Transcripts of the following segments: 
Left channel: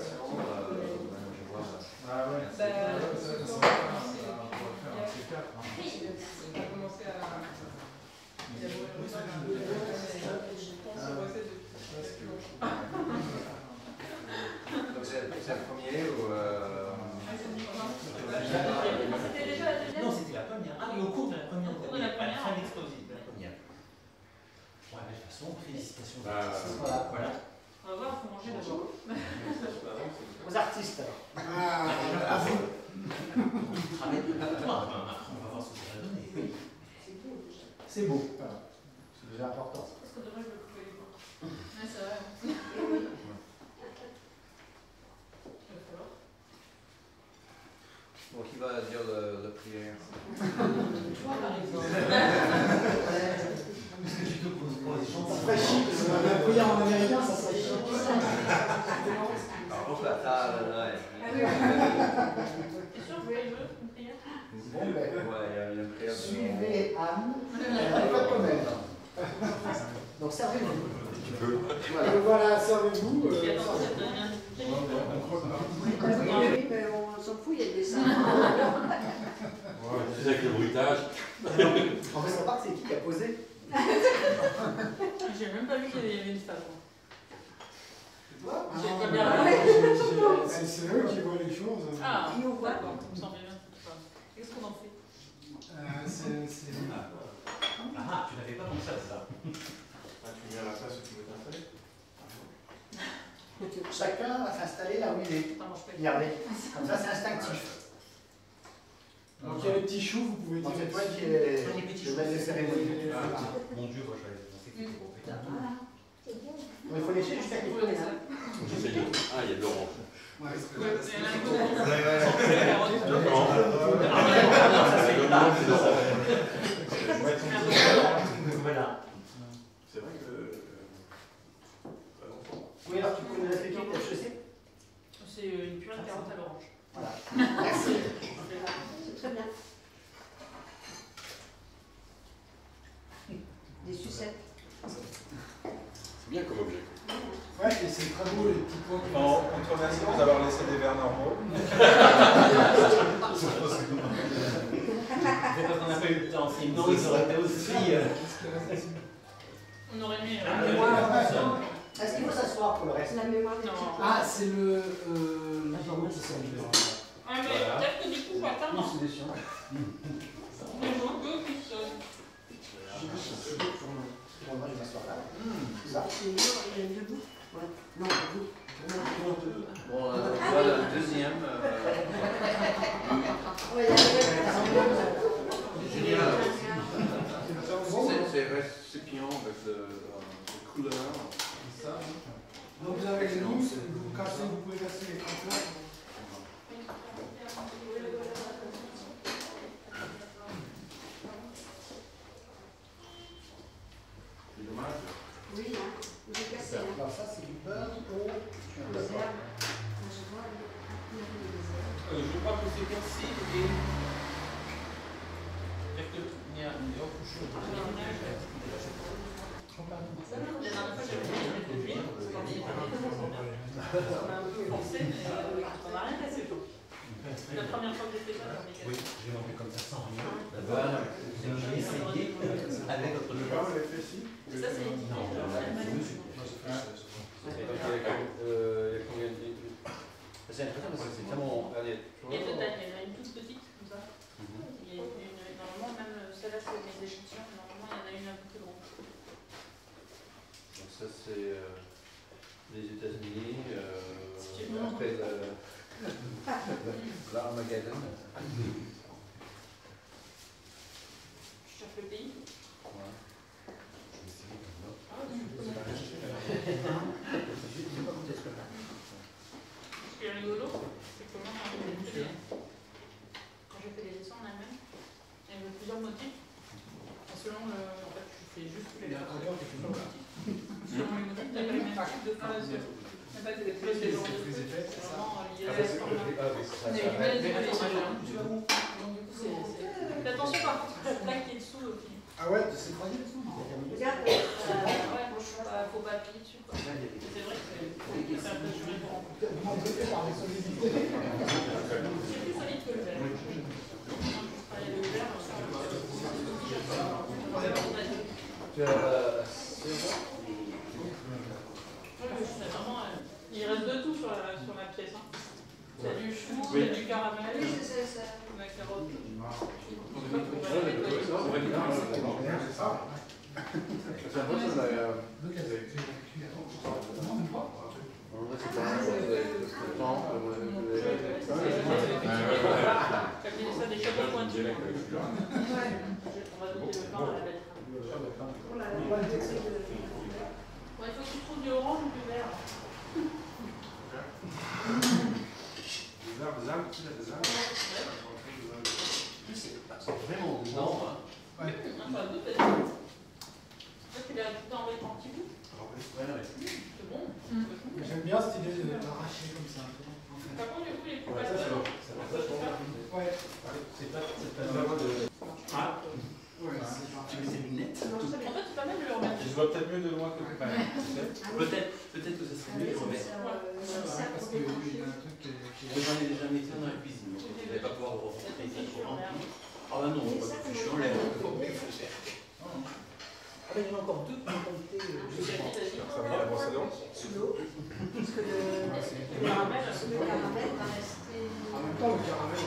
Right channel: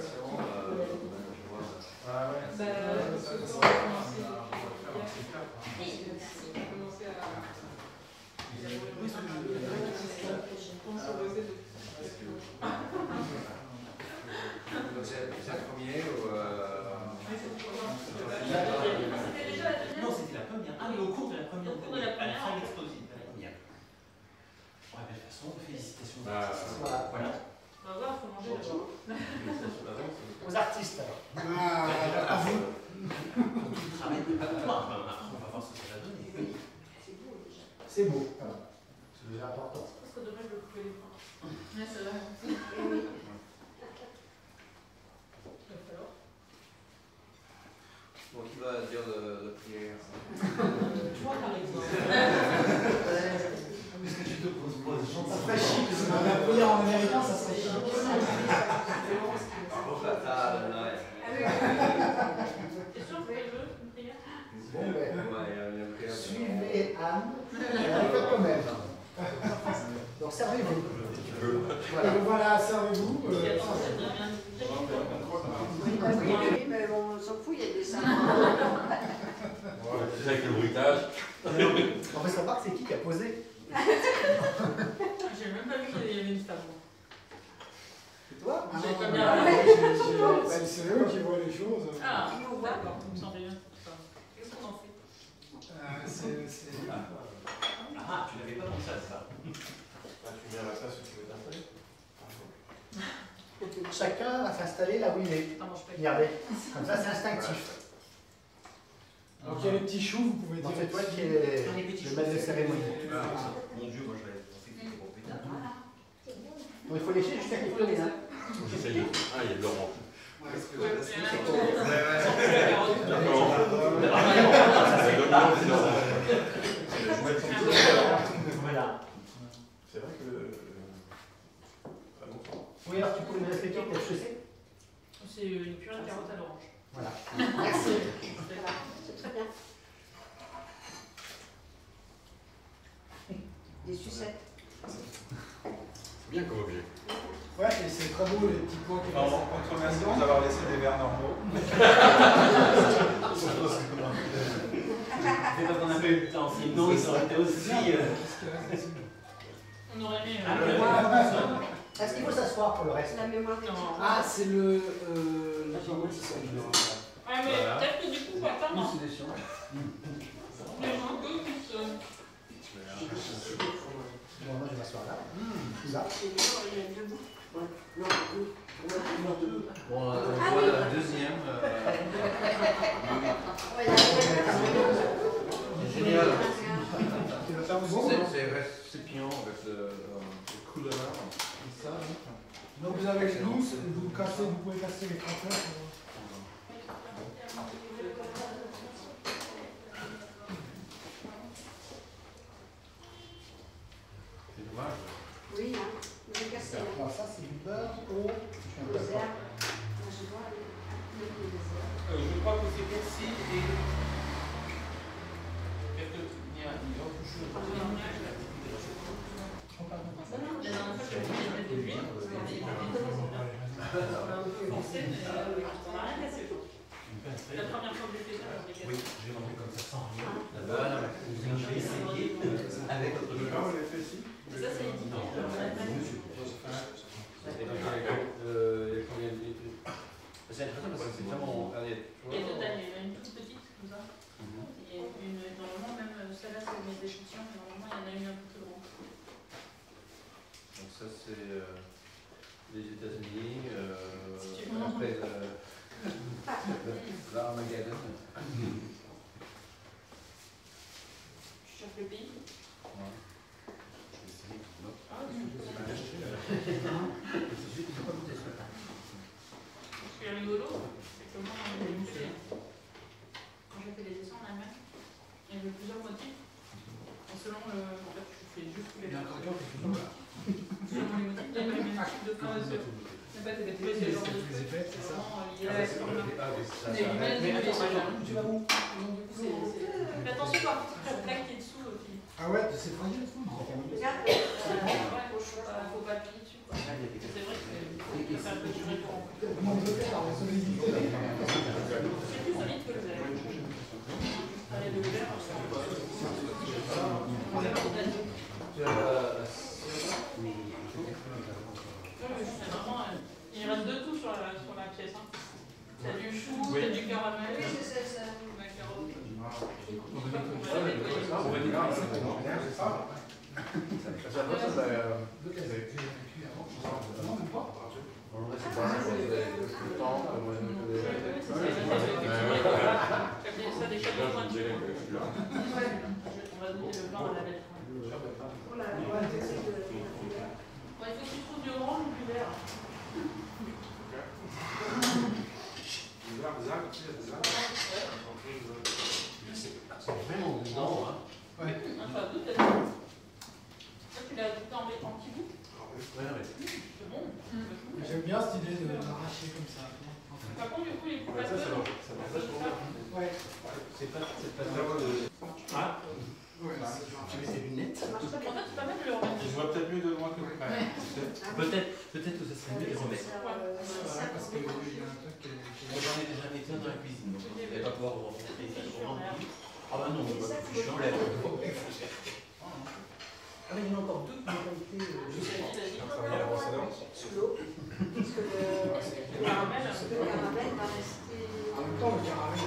présentation, je vois. Ah ouais. On va commencer à... Donc c'est le premier ou... C'était déjà la deuxième? Non, c'était la première. Ah oui, au cours de la première. Au cours de la première. À la fin de l'exposé, de la première. Ouais, de toute façon, félicitations. Voilà. On va voir, il faut manger d'abord. Aux artistes alors. À vous. Après, on va voir ce que ça va donner. C'est beau. C'est déjà important. Parce que dommage de couper les points. Ouais, c'est vrai. Bon, qui va dire la prière? Toi, par exemple. Ça serait chic. La prière en américain, ça serait chic. Alors, la table, là. T'es sûr que vous voulez une prière? Bon, ben, Ouais, il y a une prière. suivez Anne. Faites comme elle. Donc, servez-vous. Voilà, voilà, servez-vous. Attends, ça devient Oui, mais on s'en fout, il y a des sacs. C'est avec le bruitage. En fait, on remarque, c'est qui a posé? J'ai même pas vu qu'il y avait une femme. C'est toi? J'ai pas bien C'est eux qui voient les choses. Ah, d'accord, on s'en fait bien. Qu'est-ce qu'on en fait? Ah, tu n'avais pas pensé à ça. Tu viens à la place où tu veux t'installer? Chacun va s'installer là où il est. Ça mange pas. Regardez, comme ça, c'est instinctif. Donc il y a les petits choux, vous pouvez Donc, dire. c'est toi qui es le maître de cérémonie. Mon Dieu, moi j'avais pensé que c'était pour pétard. Donc, il faut lécher jusqu'à qu'il faut les mains. J'essaie de... Ah, il y a de l'orange. Ouais, Voilà. C'est vrai que... Oui, alors tu peux nous expliquer quelle chaussée? c'est une purée de carottes à l'orange. Voilà. Merci. C'est très bien. Des sucettes. C'est bien comme objet. Ouais, et c'est très beau les petits points qui Non, on te remercie de nous avoir laissé des verres normaux. C'est parce qu'on a fait le temps, sinon ils auraient été aussi. On aurait mis. Est-ce qu'il faut s'asseoir pour le reste? La mémoire des Non. petits. Ah, c'est le. C'est ça, Ah, mais peut-être que du coup, on va pas. Non, c'est des chiens. Les gens que qui se. Bon, moi je vais m'asseoir là. Là. C'est dur, il y a une debout. Ouais. Non, debout. Bon, voilà le deuxième. Ouais, il y a C'est génial. Bon. C'est récipient avec le couleur. ça. Donc vous avez les mousses, vous pouvez casser les craqueurs. C'est dommage. Oui, hein. Vous avez cassé là. Alors ça c'est du beurre au... Je suis un peu Les d'accord. herbes. Je vois les herbes. Je crois que c'est possible et. Peut-être qu'il y a une autre chose. La dernière fois, j'avais mis des de l'huile. On a un peu pensé, mais on n'a rien cassé. La première fois que j'ai fait ça, j'en ai cassé. Oui, j'ai rentré comme ça sans rien. J'ai essayé avec le Ah, on l'a fait ici. Ça, c'est une idée. C'est intéressant parce que c'est tellement. Il y a deux tailles. Il y en a une toute petite, comme ça. Et une, normalement, même celle-là, c'est mes échantillons. Normalement, il y en a une un peu plus grande. Donc, ça, c'est les États-Unis. Si tu veux. Après l'Armageddon. Je cherche le pays. Ouais. Ah, ce qui est rigolo, c'est que moi, quand j'ai fait les dessins en Allemagne, il y avait plusieurs motifs. Et selon le. En fait, je fais juste tous les motifs. Selon les motifs, il y a les mêmes types de phrases. Il n'y a pas de bêtises, c'est genre de trucs. C'est vraiment lié à ce qu'on a. Tu vas où? Fais attention par contre, la plaque qui est dessous aussi. Ah ouais, c'est très bien. Regarde, Ouais, faut pas appuyer dessus. C'est vrai qu'il faut faire le Comment on peut faire par les solidités? C'est plus solide que le verre. Allez, le verre, il reste deux tout sur la pièce. Hein. Il y a du chou, il y a du caramel, Oui, c'est ça. la carotte. Ça des chapeaux pointus. On va donner le pain à la bête. Oh là là, c'est de... Il faut que tu trouves du orange ou du vert. C'est vraiment dedans. Hein. Ouais. Enfin, tout est bon. Toi, tu l'as envoyé en petit bout. Ouais, ouais. C'est bon. J'aime bien cette idée de l'arracher comme ça. Par contre, du coup, les coups Ouais, ça, c'est bon. Ça va. Ouais. C'est pas de... Ah, Ouais, tu mets tes lunettes. Ça marche très En bien. fait, c'est pas mal de le remettre. Tu se vois peut-être mieux de loin que de près. Peut-être que ce serait mieux de les remettre. parce qu'il y a un truc qui J'en ai déjà mis un dans la cuisine, donc je vais pas pouvoir refaire. Ah bah non, je suis en l'air. Ah mais il y en a encore deux qui ont été... Ça va, l'ambassadeur Sous l'eau. Parce que le caramel va rester... En même temps, le caramel,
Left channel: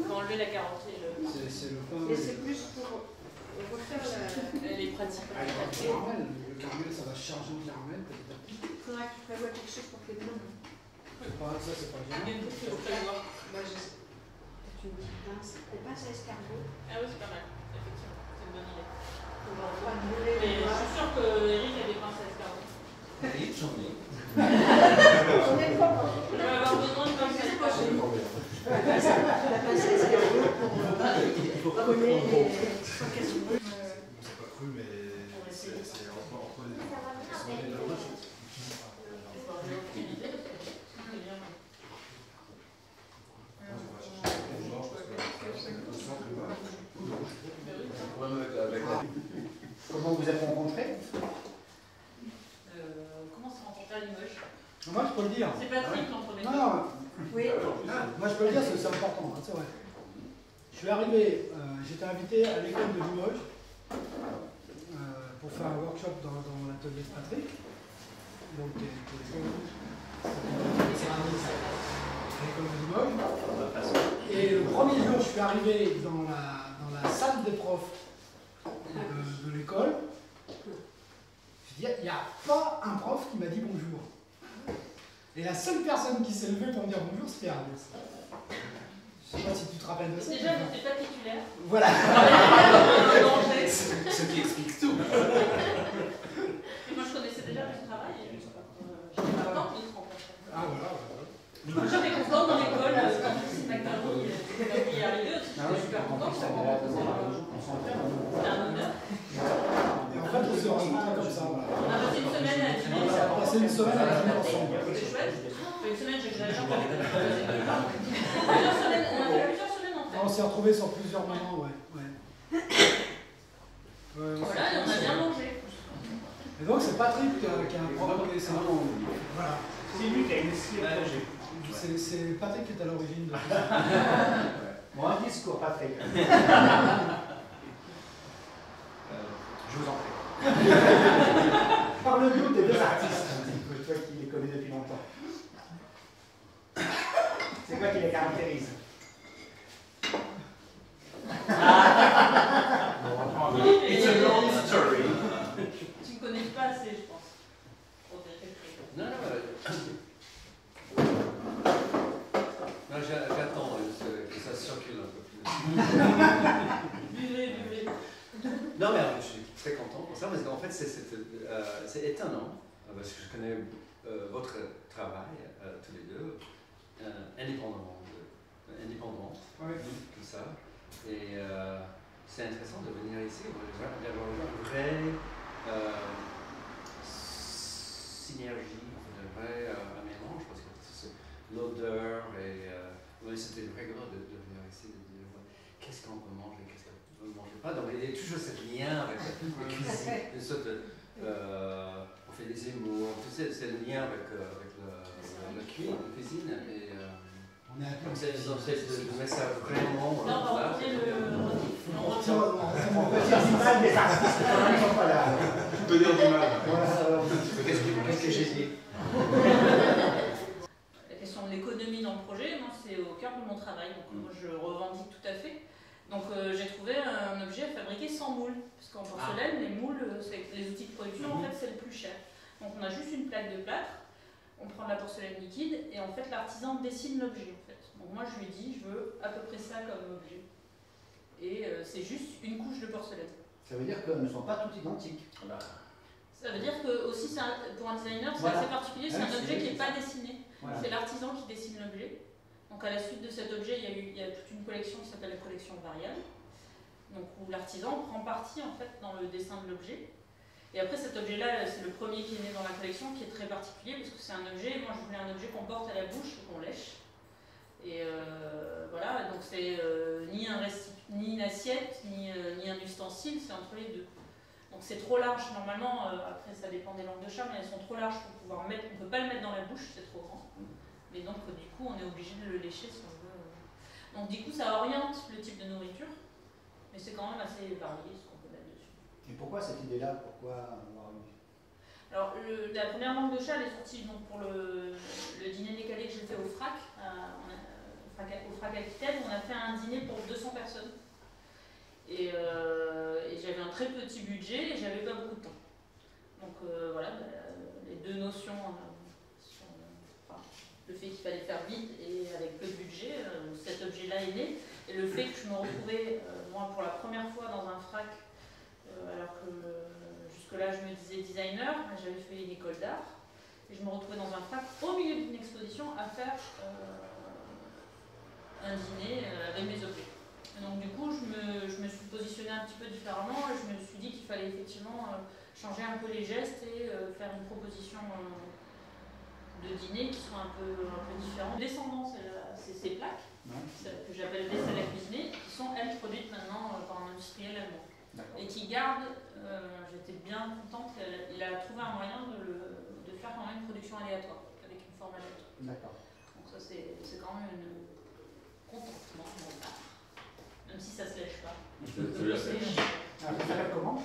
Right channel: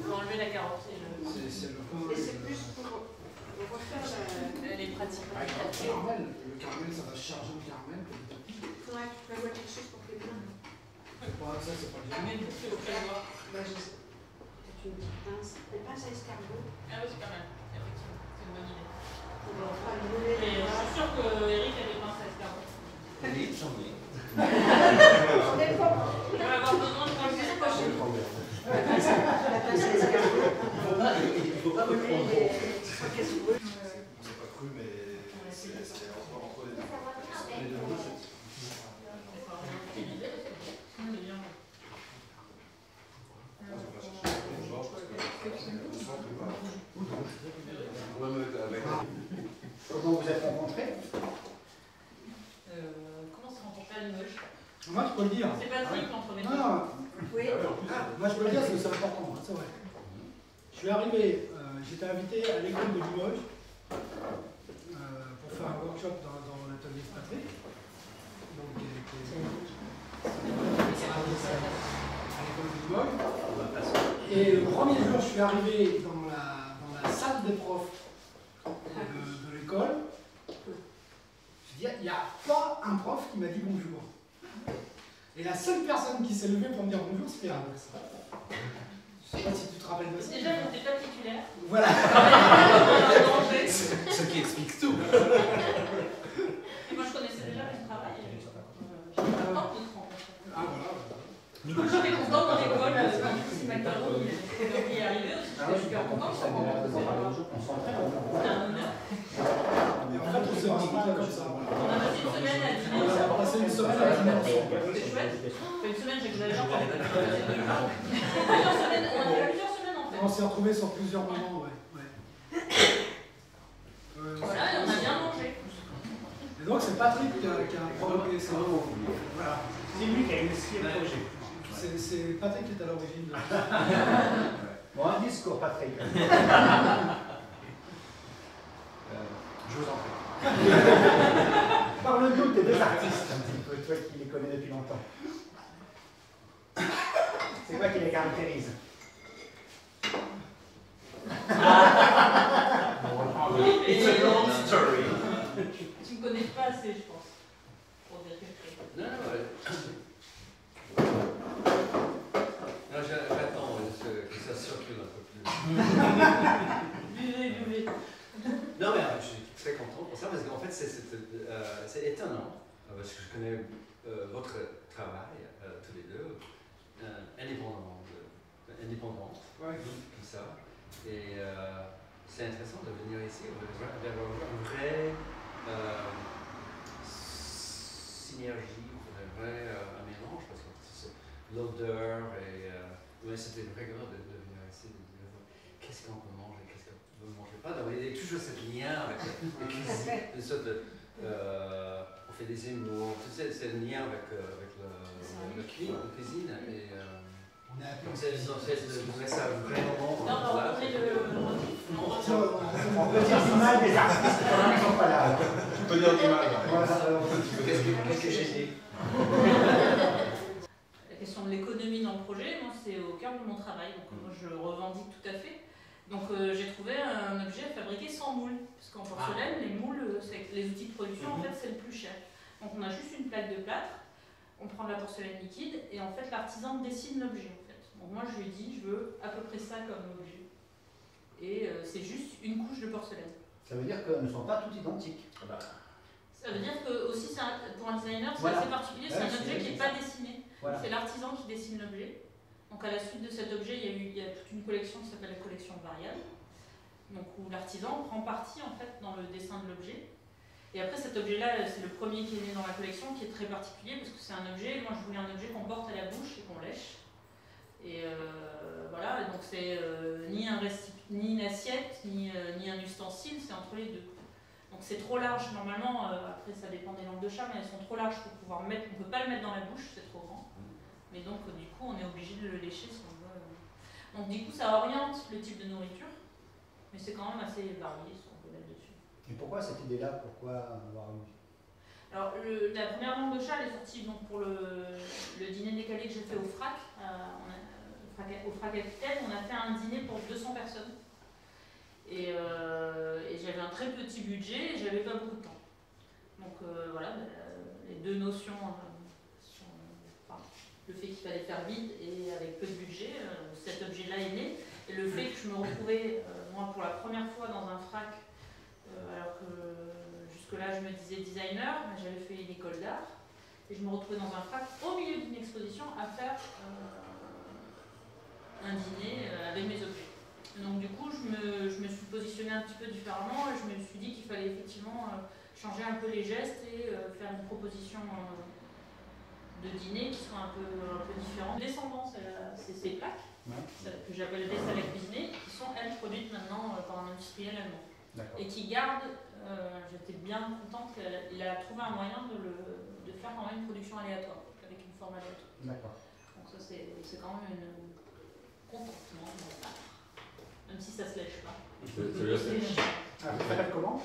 On va enlever la carotte et le... c'est le Et c'est plus pour refaire la... Elle est pratique. avec le caramel, ça va charger le caramel petit à petit. Il faudra que tu prévoies quelque chose pour tes plans. Ça, c'est pas Il y a bien. une petite au prévoir. Bah, je sais. Peut-être une petite pince. Des pinces à escargot. Ah oui, c'est pas mal. Effectivement, c'est une bonne idée. Pour leur pas brûler Mais les je doigts. suis sûre que Eric a des pinces à escargot. Oui, j'en ai. On est pas... On va avoir besoin de pinces à escargot. La pince à escargot pour brûler les... Soit qu'elles se brûlent. C'est pas cru, mais c'est entre les deux. Comment vous êtes rencontrés? Comment s'est rencontré à Limoges? Moi, je peux le dire. C'est Patrick entre les deux. Non, Oui. moi, je peux le dire parce que c'est important, hein, c'est vrai. Je suis arrivé, j'étais invité à l'école de Limoges pour faire un workshop dans l'atelier de Patrick. Donc, à l'école de Limoges. Et le premier jour, je suis arrivé dans la salle des profs de l'école. Je dis, il n'y a pas un prof qui m'a dit bonjour. Et la seule personne qui s'est levée pour me dire bonjour, c'était Alex. Je ne sais pas si tu te rappelles de ça. Déjà, je n'étais pas titulaire. Voilà. Ce qui explique tout. Et moi, je connaissais déjà le travail. J'étais contente de te rencontrer. Ah voilà. J'étais contente dans l'école, c'est McDonald's, il est arrivé aussi, j'étais super contente. C'était un honneur. Et en fait, on s'est rencontrés comme ça. Voilà. On a passé une semaine à dîner. On a passé une semaine à dîner ensemble. C'était chouette. Enfin, une semaine, j'exagère. Plusieurs semaines, on a fait plusieurs semaines en fait. On s'est retrouvés sur plusieurs moments, ouais. Voilà, et on a bien mangé. Et donc, c'est Patrick qui a provoqué ça. Voilà. C'est lui qui a initié le projet. C'est Patrick qui est à l'origine de ça. Bon, un discours, Patrick. Je vous en prie. Parle-nous des deux artistes, un petit peu, toi qui les connais depuis longtemps. C'est quoi qui les caractérise? It's a long story. Tu me connais pas assez, je pense. Pour dire quelque chose. Non, non, j'attends que ça circule un peu plus. Buvez. Non, mais je suis très content pour ça, parce qu'en fait, c'est étonnant, parce que je connais votre travail, tous les deux, indépendamment, tout ça. Et c'est intéressant de venir ici, d'avoir une vraie synergie, un vrai un mélange, parce que l'odeur et c'était vraiment de venir ici, de dire qu'est-ce qu'on peut manger, qu'est-ce qu'on ne mange pas. Donc il y a toujours ce lien avec la cuisine, une sorte de, on fait des émaux, c'est le lien avec la cuisine. Et, c'est de mettre ça vraiment on va montrer le motif. On peut dire du mal des artistes quand même, ils sont pas là. Tu peux dire du mal. Qu'est-ce que j'ai dit? La question de l'économie dans le projet, moi c'est au cœur de mon travail, donc moi je revendique tout à fait. Donc j'ai trouvé un objet fabriqué sans moule, parce qu'en porcelaine, les moules, les outils de production, en fait c'est le plus cher. Donc on a juste une plaque de plâtre, on prend de la porcelaine liquide, et en fait l'artisan dessine l'objet. Donc moi je lui ai dit, je veux à peu près ça comme objet. Et c'est juste une couche de porcelaine. Ça veut dire qu'elles ne sont pas toutes identiques. Ça veut dire que aussi pour un designer c'est assez particulier, c'est un objet qui n'est pas dessiné. Voilà. C'est l'artisan qui dessine l'objet. Donc à la suite de cet objet, il y a toute une collection qui s'appelle la collection variable, donc où l'artisan prend partie en fait dans le dessin de l'objet. Et après cet objet-là, c'est le premier qui est né dans la collection, qui est très particulier parce que c'est un objet, moi je voulais un objet qu'on porte à la bouche et qu'on lèche. Et voilà, donc c'est ni une assiette, ni un ustensile, c'est entre les deux. Donc c'est trop large, normalement, après ça dépend des langues de chat, mais elles sont trop larges pour pouvoir mettre, on ne peut pas le mettre dans la bouche, c'est trop grand. Mais donc du coup on est obligé de le lécher si on veut. Donc du coup ça oriente le type de nourriture, mais c'est quand même assez varié ce qu'on peut mettre dessus. Et pourquoi cette idée-là? Pourquoi avoir eu? Alors la première langue de chat elle est sortie donc, pour le dîner décalé que j'ai fait au FRAC, au FRAC Aquitaine, on a fait un dîner pour 200 personnes. Et j'avais un très petit budget et j'avais pas beaucoup de temps. Donc voilà, les deux notions, le fait qu'il fallait faire vite et avec peu de budget, cet objet-là est né. Et le fait que je me retrouvais, moi pour la première fois dans un FRAC, alors que jusque-là je me disais designer, mais j'avais fait une école d'art, et je me retrouvais dans un FRAC au milieu d'une exposition à faire un dîner avec mes objets. Et donc du coup je me suis positionnée un petit peu différemment et je me suis dit qu'il fallait effectivement changer un peu les gestes et faire une proposition de dîner qui soit un peu différente. Descendant, c'est ces plaques que j'appelle des salles cuisinées, qui sont elles produites maintenant par un industriel allemand. Et qui gardent, j'étais bien contente, il a trouvé un moyen de faire quand même une production aléatoire, avec une forme aléatoire. D'accord. Donc ça c'est quand même une contentement, même si ça se lèche pas. Ça s'appelle comment?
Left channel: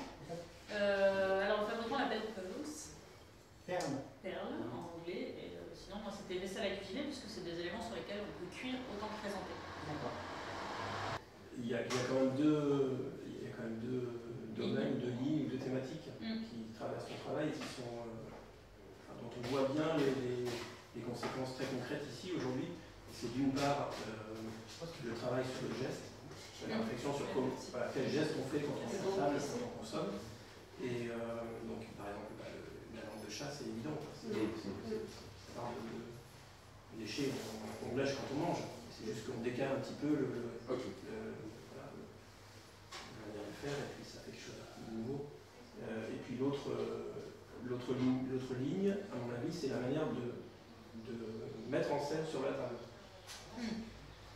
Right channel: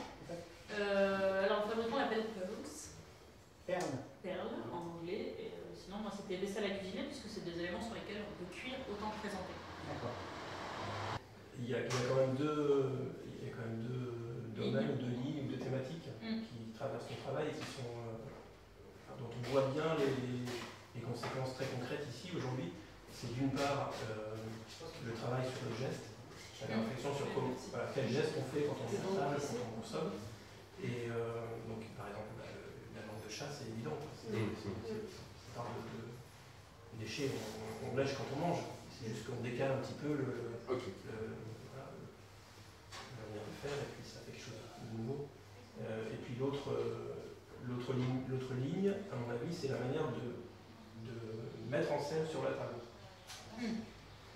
Alors le fabricant l'appelle Pearl. Perle En anglais. Et, sinon moi c'était des salles à cuisiner puisque c'est des éléments sur lesquels on peut cuire autant que présenter. D'accord. Il y a quand même deux domaines, deux lignes, deux thématiques qui traversent ton travail et qui sont, dont on voit bien les conséquences très concrètes ici aujourd'hui. C'est d'une part le travail sur le geste, la réflexion sur quel geste on fait quand on s'installe, quand on consomme. Et donc par exemple la langue de chat c'est évident. C'est pas de déchets, on lèche quand on mange. C'est juste qu'on décale un petit peu la manière de faire et puis ça fait quelque chose de nouveau. Et puis l'autre ligne, à mon avis, c'est la manière de mettre en scène sur la table.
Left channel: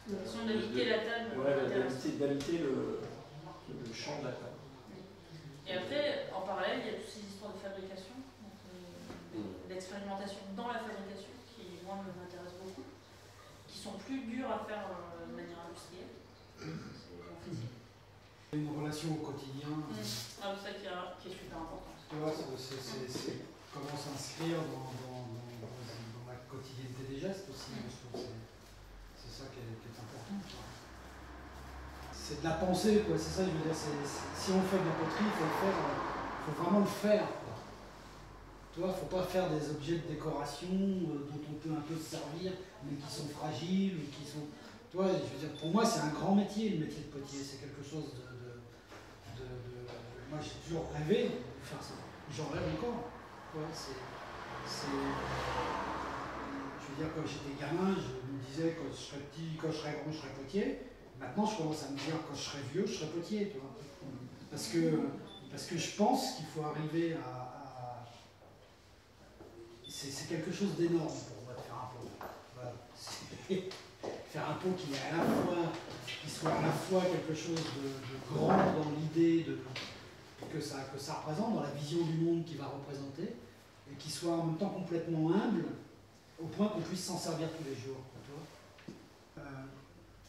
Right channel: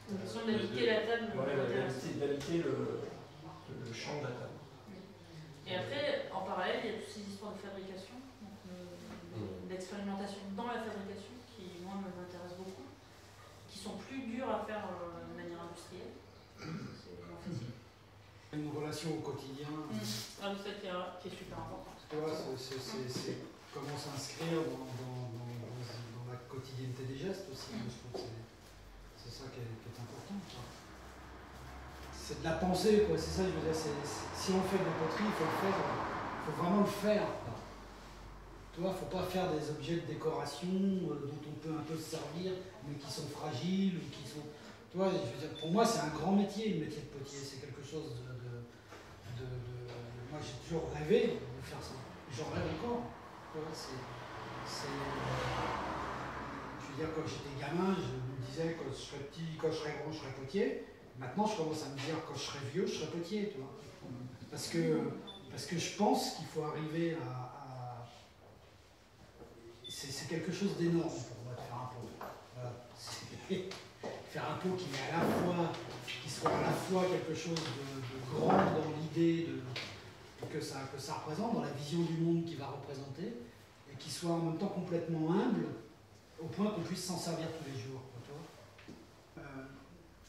D'habiter la table. Ouais, d'habiter le champ de la table. Et après, en parallèle, il y a toutes ces histoires de fabrication, d'expérimentation dans la fabrication, qui moi m'intéressent beaucoup, qui sont plus dures à faire de manière industrielle. Une relation au quotidien. Ah, c'est ça qui est super important. Tu vois, c'est comment s'inscrire dans la quotidienneté des gestes aussi. Je trouve que c'est ça qui est important. C'est de la pensée, quoi. C'est ça, je veux dire. Si on fait de la poterie, il faut le faire. Il faut vraiment le faire. Quoi. Tu vois, il ne faut pas faire des objets de décoration dont on peut un peu se servir, mais qui sont fragiles ou qui sont. Tu vois, je veux dire, pour moi, c'est un grand métier, le métier de potier. C'est quelque chose de moi, j'ai toujours rêvé de faire ça. J'en rêve encore. Tu vois, je veux dire, quand j'étais gamin, je me disais quand je serais petit, quand je serais grand, je serais potier. Maintenant, je commence à me dire quand je serai vieux, je serai potier. Tu vois. Parce que je pense qu'il faut arriver à c'est quelque chose d'énorme pour moi de faire un pot. Voilà. Faire un pot qui soit à la fois quelque chose de grand dans l'idée que ça représente, dans la vision du monde qu'il va représenter, et qui soit en même temps complètement humble, au point qu'on puisse s'en servir tous les jours. Tu vois.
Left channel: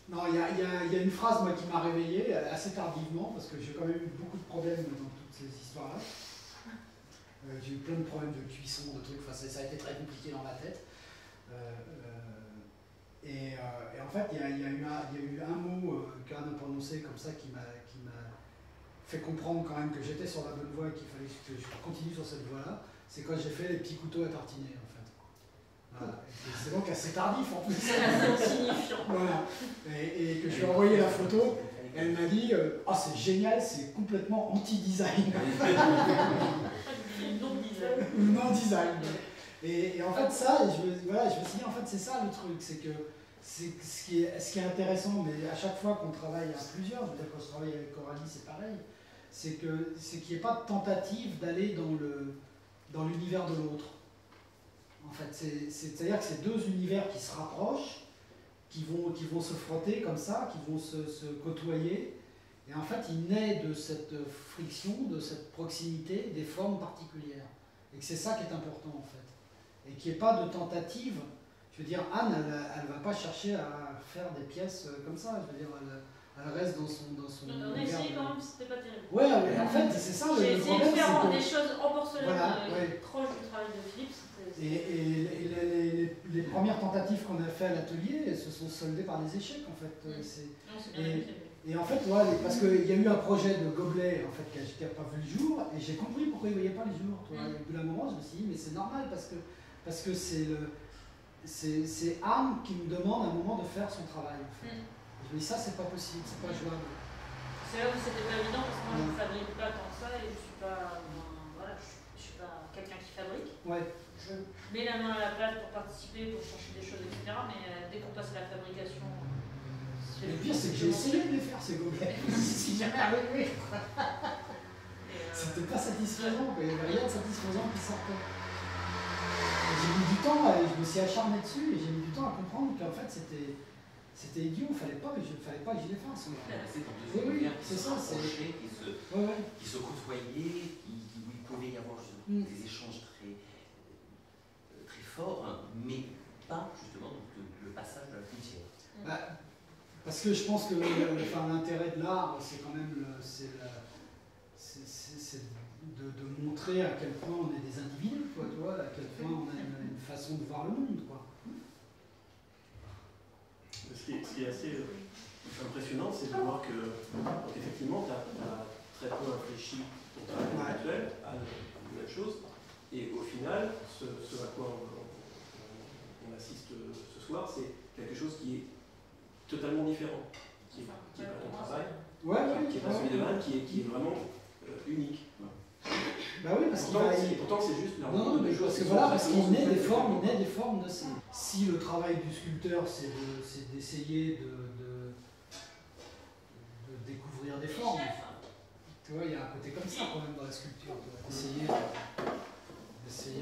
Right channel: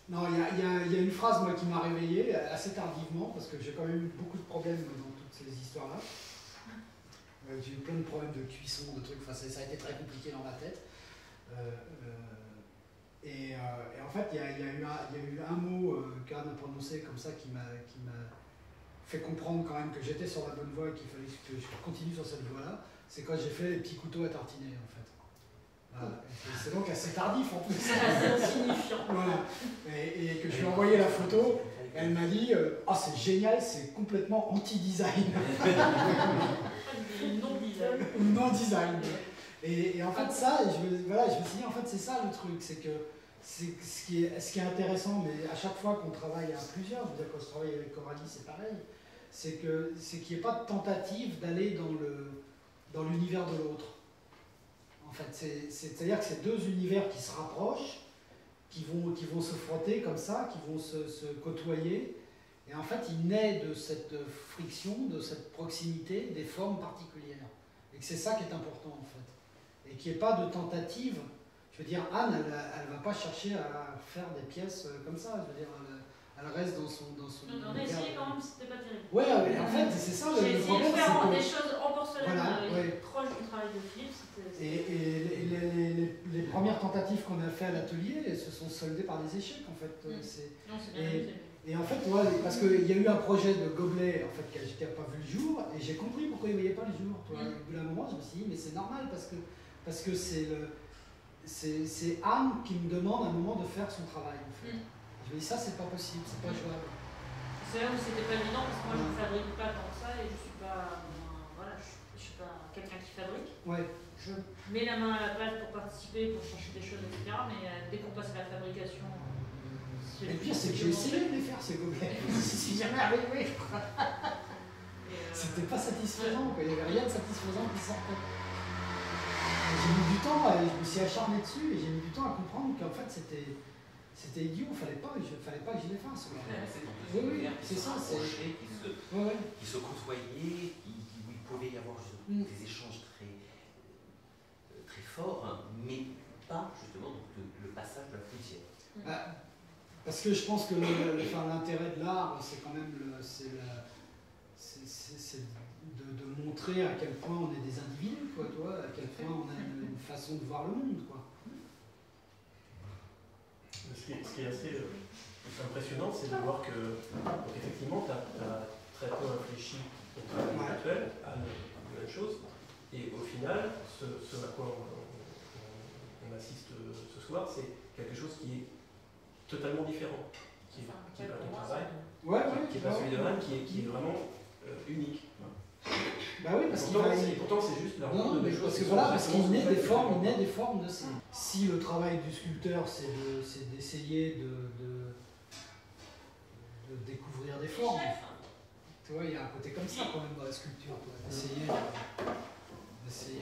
Non, il y a une phrase moi, qui m'a réveillé assez tardivement, parce que j'ai quand même eu beaucoup de problèmes dans toutes ces histoires-là. J'ai eu plein de problèmes de cuisson, de trucs, enfin, ça a été très compliqué dans ma tête. Et en fait, il y a eu un mot qu'Anne a prononcé comme ça qui m'a fait comprendre quand même que j'étais sur la bonne voie et qu'il fallait que je continue sur cette voie-là. C'est quand j'ai fait les petits couteaux à tartiner, en fait. Voilà. C'est donc assez tardif en plus. C'est assez signifiant. Voilà. Et que je lui ai envoyé la photo, elle m'a dit oh, c'est génial, c'est complètement anti-design. Non-design. Non-design. Et en fait, ça, je me suis dit, en fait, c'est ça le truc, c'est que ce qui est intéressant, mais à chaque fois qu'on travaille à plusieurs, je veux dire, quand je travaille avec Coralie, c'est pareil, c'est qu'il n'y ait pas de tentative d'aller dans l'univers de l'autre. En fait, c'est-à-dire que c'est deux univers qui se rapprochent, qui vont se frotter comme ça, qui vont se côtoyer, et en fait, il naît de cette friction, de cette proximité, des formes particulières. Et que c'est ça qui est important, en fait. Et qu'il n'y ait pas de tentative. Je veux dire, Anne, elle ne va pas chercher à faire des pièces comme ça. Je veux dire, elle reste dans son on a essayé quand même, c'était pas terrible. Ouais, mais en fait, c'est ça J'ai le essayé problème. de faire des choses en porcelaine voilà, proches du travail de Philippe. Et les premières tentatives qu'on a fait à l'atelier se sont soldées par des échecs, en fait. Non, c'est bien amusé. Et en fait, ouais, parce qu'il y a eu un projet de gobelet en fait, qui n'a pas vu le jour, et j'ai compris pourquoi il ne voyait pas le jour. Toi. Au bout d'un moment, je me suis dit, mais c'est normal, parce que c'est Anne qui me demande à un moment de faire son travail. En fait. Je me dis, ça, c'est pas possible, c'est pas jouable. C'est là où c'était pas évident, parce que moi, je ne fabrique pas tant que ça, et je ne suis pas, voilà, je suis pas quelqu'un qui fabrique. Ouais. Je mets la main à la pâte pour participer, pour chercher des choses, etc. Mais dès qu'on passe à la fabrication... Le pire, c'est que j'ai essayé de les faire, ces gobelets. Si jamais arrivé. C'était pas satisfaisant, quoi. Il n'y avait rien de satisfaisant qui sortait. J'ai mis du temps, je me suis acharné dessus, et j'ai mis du temps à comprendre qu'en fait, c'était idiot, il fallait pas que je les fasse. Oui, c'est ça. Qui se côtoyaient, où il pouvait y avoir des échanges très forts, hein, mais pas justement le passage de la frontière. Parce que je pense que l'intérêt de l'art, c'est quand même de montrer à quel point on est des individus, quoi, tu vois, à quel point on a une façon de voir le monde, quoi. Ce qui est assez impressionnant, c'est de voir que, donc effectivement, tu as très peu réfléchi au travail actuel à de nouvelles choses, et au final, ce à quoi on assiste ce soir, c'est quelque chose qui est totalement différent, qui est pas ton travail, qui est pas celui de Anne, qui est vraiment unique. Bah oui, parce pourtant c'est juste la rencontre de choses. Parce qu'il naît des formes de ça. Si le travail du sculpteur, c'est d'essayer de découvrir des formes, tu vois, il y a un côté comme ça quand même dans la sculpture, d'essayer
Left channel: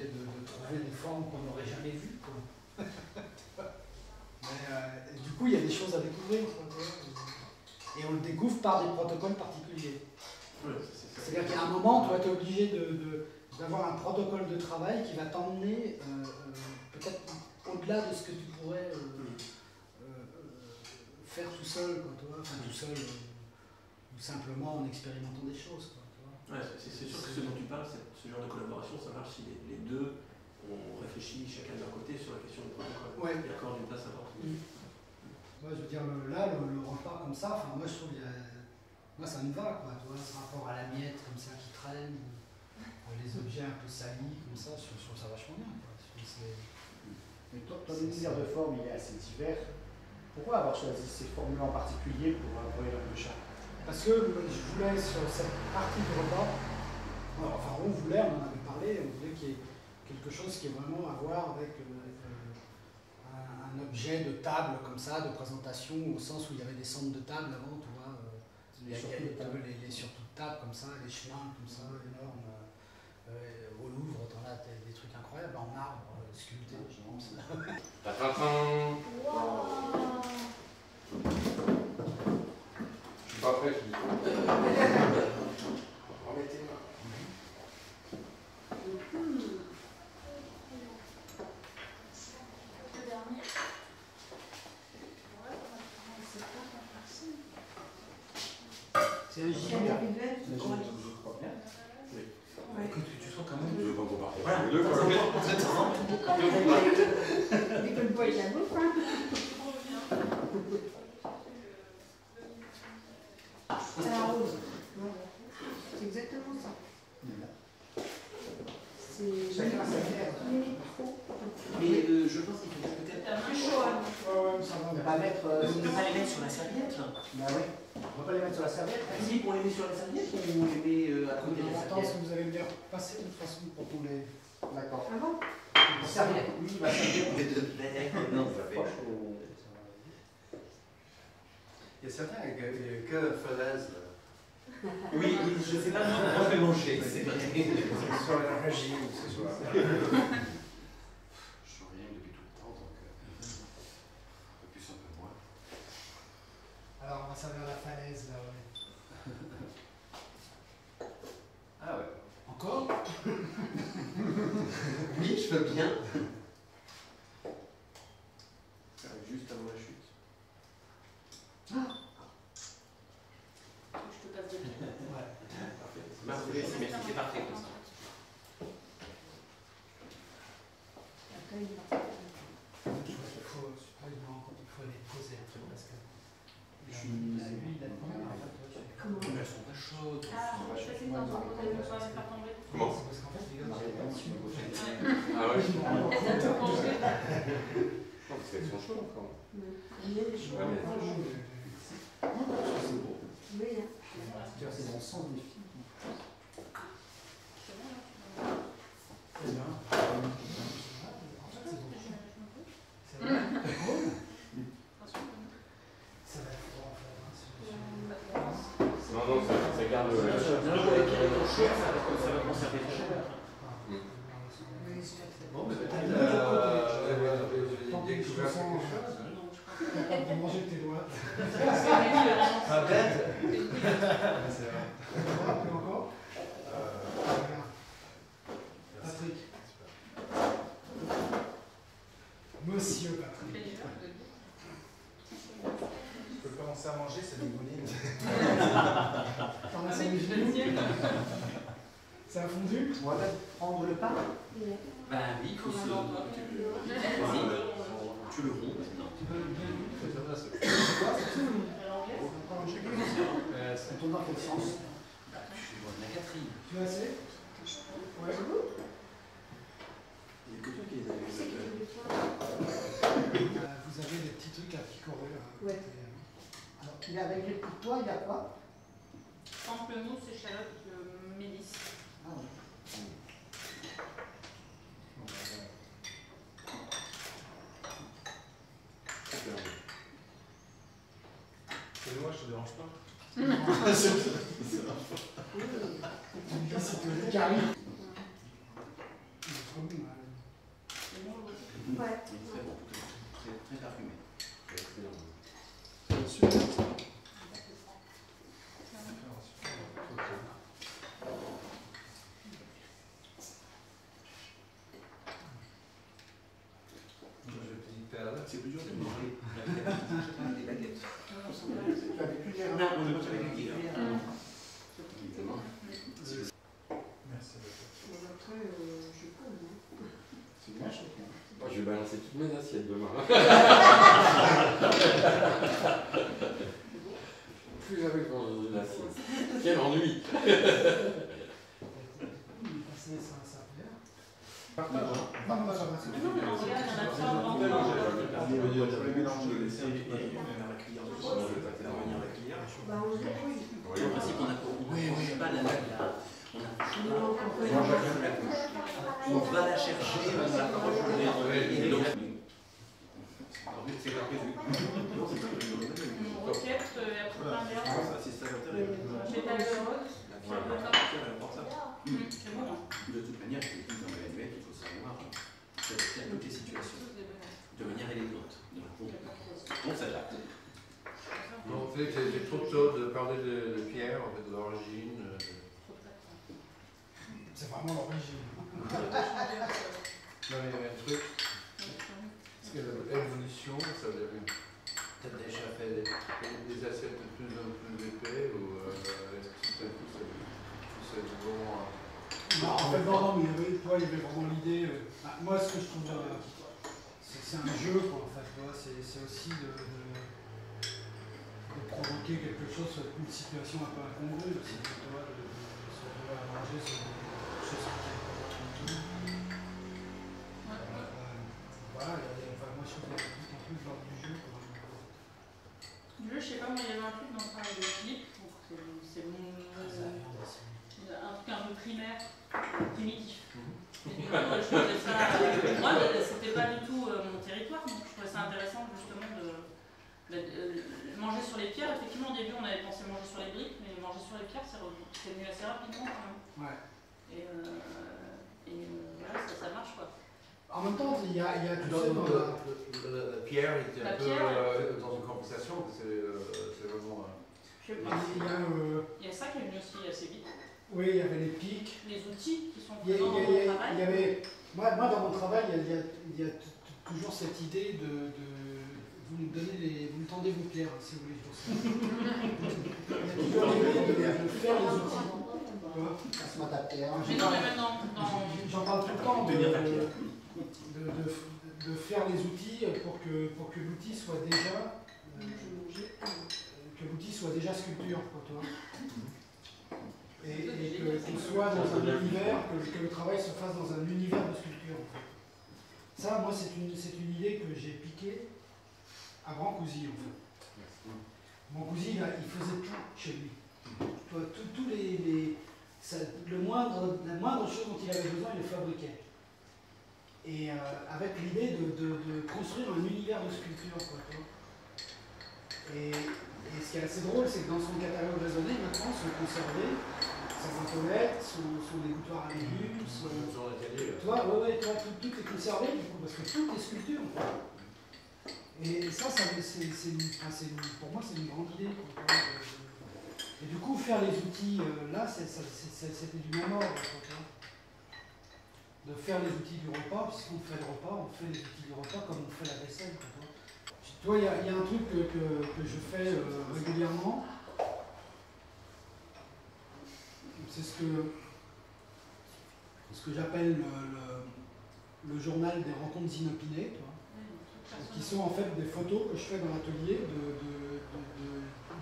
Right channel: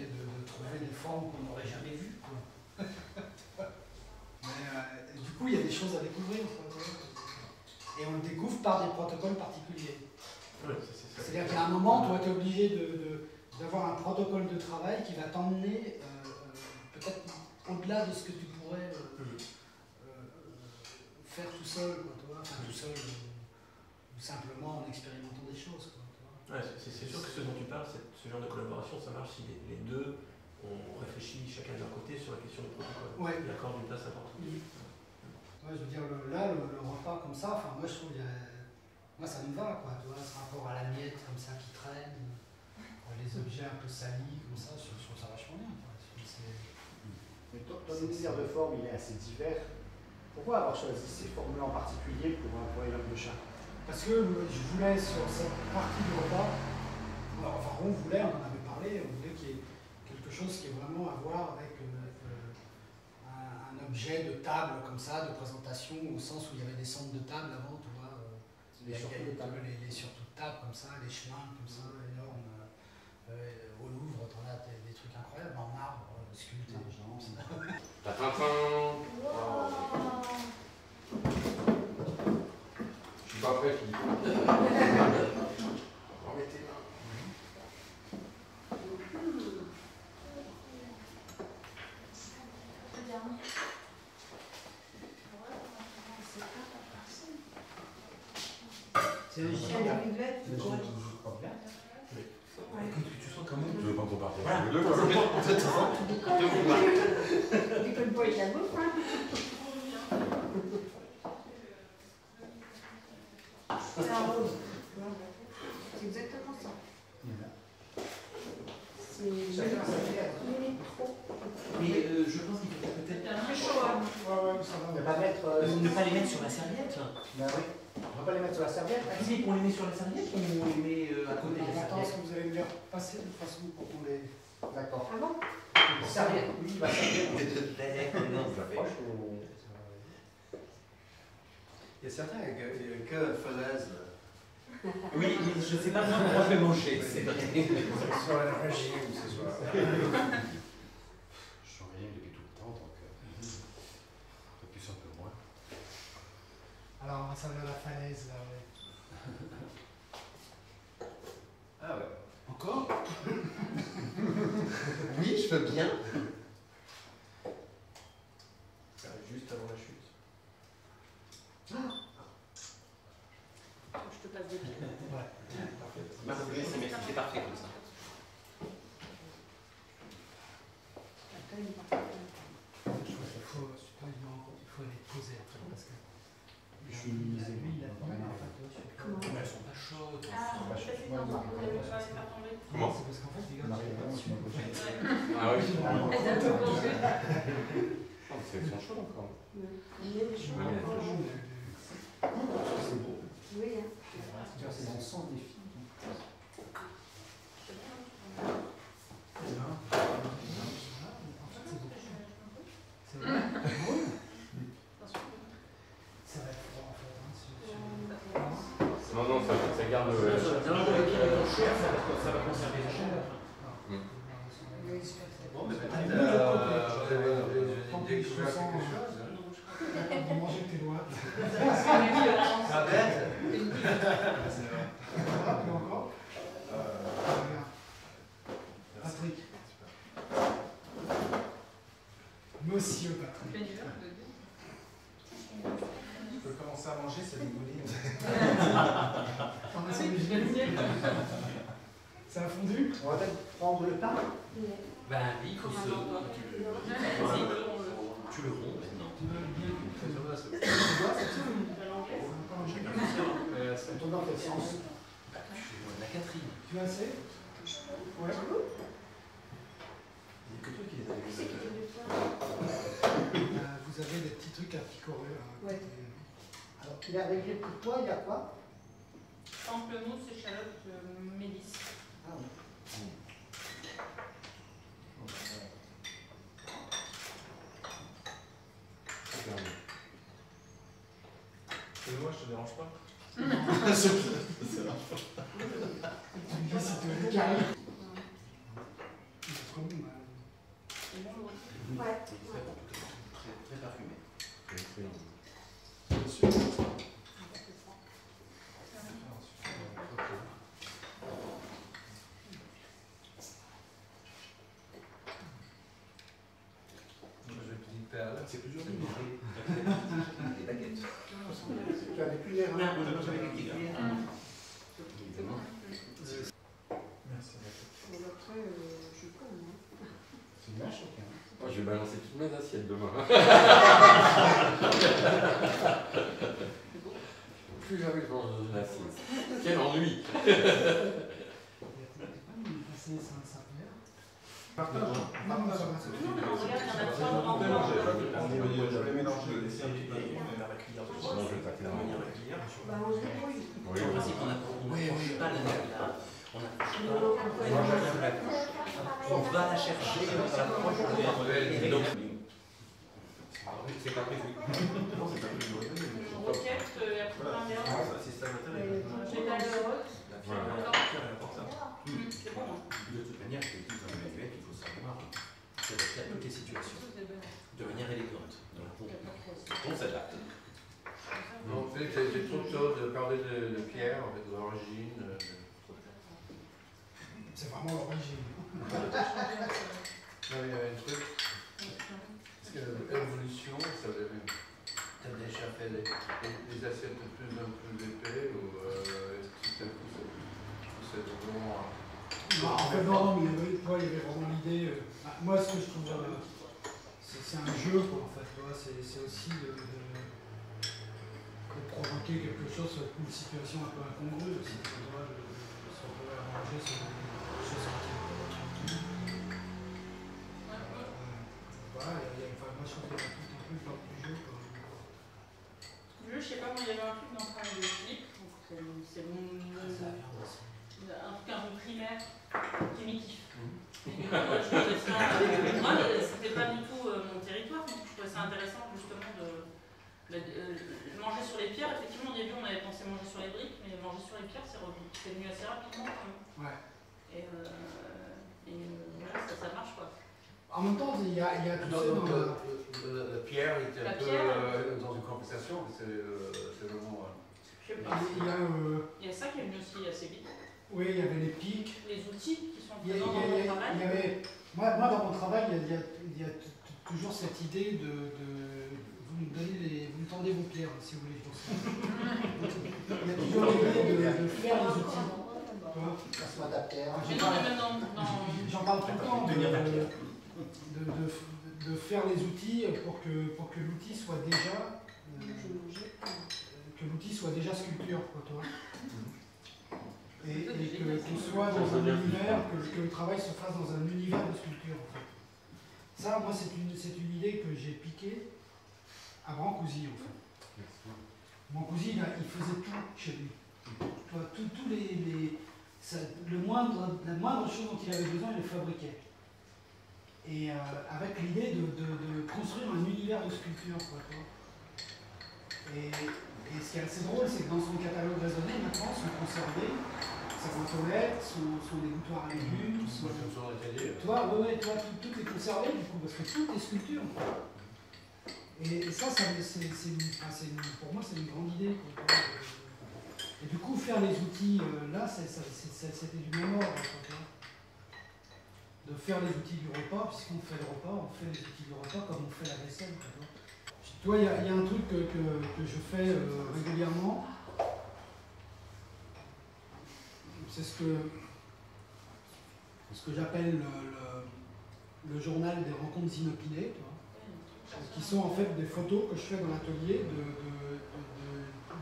de trouver des formes qu'on n'aurait jamais vues. Du coup, il y a des choses à découvrir. Et on le découvre par des protocoles particuliers. C'est-à-dire qu'à un moment, tu es obligé d'avoir un protocole de travail qui va t'emmener peut-être au-delà de ce que tu pourrais faire tout seul, quoi, tout seul, ou simplement en expérimentant des choses. Quoi, c'est sûr que ce dont tu parles, ce genre de collaboration, ça marche si les deux ont réfléchi chacun de leur côté sur la question du protocole et accordent une place importante. Ouais, je veux dire, là, le repas comme ça, moi je trouve moi ça me va, quoi, tu vois, ce rapport à la miette comme ça qui traîne, les objets un peu salis comme ça, je trouve ça vachement bien. Quoi. Mais ton univers de forme il est assez divers. Pourquoi avoir choisi ces formes-là en particulier pour Élève Le Chat? Parce que je voulais sur cette partie du repas, enfin on en avait parlé, on voulait qu'il y ait quelque chose qui ait vraiment à voir avec un objet de table comme ça, de présentation, au sens où il y avait des centres de table avant, tu vois, les surtout de table comme ça, les chemins comme ça, énormes. Au Louvre, t'en as des trucs incroyables en marbre, sculptés, genre. Je suis pas prêt, Philippe. Remettez-moi. C'est un gilet. Je crois bien. Que tu sois quand même. Je veux pas trop partir. Voilà. Les deux, quoi. L'école bois et la bouffe, hein. C'est la rose. C'est exactement ça. Chacun sa bière. Mais je pense qu'il faut peut-être C'est chaud, hein. Ne pas mettre. ne pas les mettre sur la serviette. Ben oui. On ne va pas les mettre sur la serviette. Si, on les met sur la serviette ou on les met à côté de la L'important, serviette. c'est que vous allez me dire passer de toute façon pour qu'on les. D'accord. Ah bon? Serviette, oui, il va servir. Non, ça fait. Il y a certains que falaise. Oui, je ne sais pas comment on peut manger, c'est vrai. Que ce soit la régie ou que ce soit. Je sens rien depuis tout le temps, donc un peu plus, un peu moins. Alors, on va servir la falaise là, ouais. Ah ouais. Encore? Oui, je veux bien. Juste avant la chute. Je te passe des pieds. Ouais. Marc-André, c'est parfait comme ça. Je pense qu'il faut, il faut les poser après parce que. Je suis mis à l'huile là-dedans. Mais elles sont pas chaudes. Ah, ça c'est quand vous allez pouvoir les faire tomber. Comment? C'est parce qu'en fait, les gars, Ah oui. Elles doivent tout manger. Non, parce qu'elles sont chaudes encore. Oui, hein. C'est mon sang des filles. c'est bien. En fait, c'est bon. C'est vrai. Ça va être froid en fait. Hein, Non, non, ça garde le. Ça va conserver la chaleur. Bon, mais Tant peut-être. que je me sens. De manger avec tes doigts. Pas bête. Plus encore. Regarde. Patrick. Monsieur Patrick. Je peux commencer à manger, c'est des boudines. T'en as servi génial. Ça a fondu? On va peut-être prendre le pain. Ben oui, il faut se. Tu le ronds maintenant. Tu veux le guider? On tourne dans quel sens? La Catherine. Tu as assez? Ouais. Il n'y a que toi qui les avais vus. Vous avez des petits trucs à picorer. Ouais. Alors, il y a avec les coups de poing, il y a quoi? Pamplemousse, échalote, mélisse. Ah oui. Et moi, je te dérange pas. Tu me dis si tu veux des caries. Il est trop bon, là. Ouais. Très parfumé. Excellent. C'est plus dur de manger. Les baguettes. Tu as des cuillères. Non, on n'a pas avec les cuillères. Merci. Après, je connais. C'est bien choqué. Moi, je vais balancer toutes mes assiettes demain. Plus jamais je mange une assiette. Quel ennui! Il est passé sans sa mère. Non, regarde, il y en a trois grands. Je vais mélanger. Et la cuillère de Sinon, je vais taper dans la mon cuillère. Bah, on se débrouille. Oui, En principe, on a pas la nappe là. On a la couche. On va la chercher, on s'approche de et donc. C'est pas prévu. Non, c'est pas prévu. Roquette et après un mélange. Ça, c'est ça l'intérêt. Pétale de rose. C'est bon. De toute manière, je dis dans le manuel, il faut savoir s'adapter à toutes les situations, de manière élégante. Donc, on s'adapte. Non, en fait, j'ai trop tôt de parler de Pierre, en fait, de l'origine. C'est vraiment l'origine. Non, mais il y avait un truc. Parce que Non, en fait, non, mais il y avait vraiment l'idée. Moi, ce que je trouve, c'est un jeu, quoi, en fait. C'est aussi de provoquer quelque chose, une situation un peu incongrue aussi. De se retrouver à manger sur des choses qui voilà, moi je trouve qu'il y a tout un peu de l'ordre du jeu. Du jeu, je sais pas, moi il y avait un truc dans le travail de Philippe, c'est un truc un peu primaire, primitif. Et du coup, je trouvais ça. Moi, c'était pas du tout mon territoire, donc je trouvais ça intéressant justement de manger sur les pierres. Effectivement, au début, on avait pensé manger sur les briques, mais manger sur les pierres, c'est venu assez rapidement quand même. Ouais. Et voilà, ça marche quoi. En même temps, il y a tout ça dans la pierre était un peu dans une conversation, c'est vraiment. Je sais pas. Il y a ça qui est venu aussi assez vite. Oui, il y avait les pics. Les outils qui sont présents dans mon travail. Moi, dans mon travail, il y a toujours cette idée de vous me tendez vos pierres, si vous voulez. Il y a toujours l'idée de faire les outils. J'en parle tout le temps de faire les outils pour que l'outil soit déjà sculpture, quoi, toi. Et qu'on soit dans un univers, que le travail se fasse dans un univers de sculpture, en fait. Ça, moi, c'est une idée que j'ai piquée à Brancusi, en fait. Brancusi, il faisait tout chez lui. Tous la moindre chose dont il avait besoin, il le fabriquait. Et avec l'idée de construire un univers de sculpture, quoi, toi. Et ce qui est assez drôle, c'est que dans son catalogue raisonné, maintenant, sont conservés sa boîte aux lettres, son dégouttoir à légumes, tout est conservé, du coup, parce que tout est sculpture. Et ça, pour moi, c'est une grande idée. Quoi. Et du coup, faire les outils, là, c'était du même ordre. De faire les outils du repas, puisqu'on fait le repas, on fait les outils du repas comme on fait la vaisselle. Toi, il y a un truc que je fais régulièrement. C'est ce que j'appelle le journal des rencontres inopinées, qui sont en fait des photos que je fais dans l'atelier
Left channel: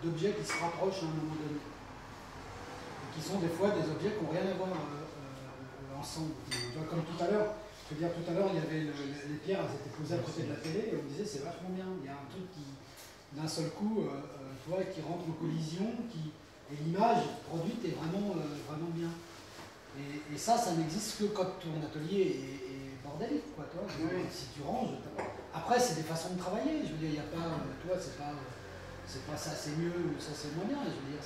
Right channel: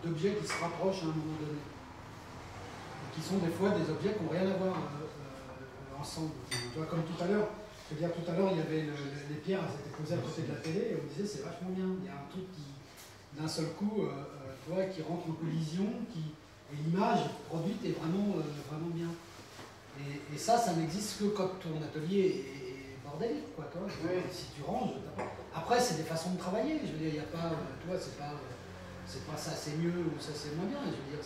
d'objets qui se rapprochent à un moment donné. Et qui sont des fois des objets qui n'ont rien à voir ensemble. Tu vois, comme tout à l'heure, il y avait les pierres, elles étaient posées à côté de la télé et on me disait c'est vachement bien. Il y a un truc qui, d'un seul coup, qui rentre en collision, et l'image produite est vraiment bien. Et ça n'existe que quand ton atelier est bordélique, quoi. Toi. Oui. Si tu ranges, après c'est des façons de travailler. Je veux dire, il n'y a pas, c'est pas ça c'est mieux ou ça c'est moins bien. Je veux dire,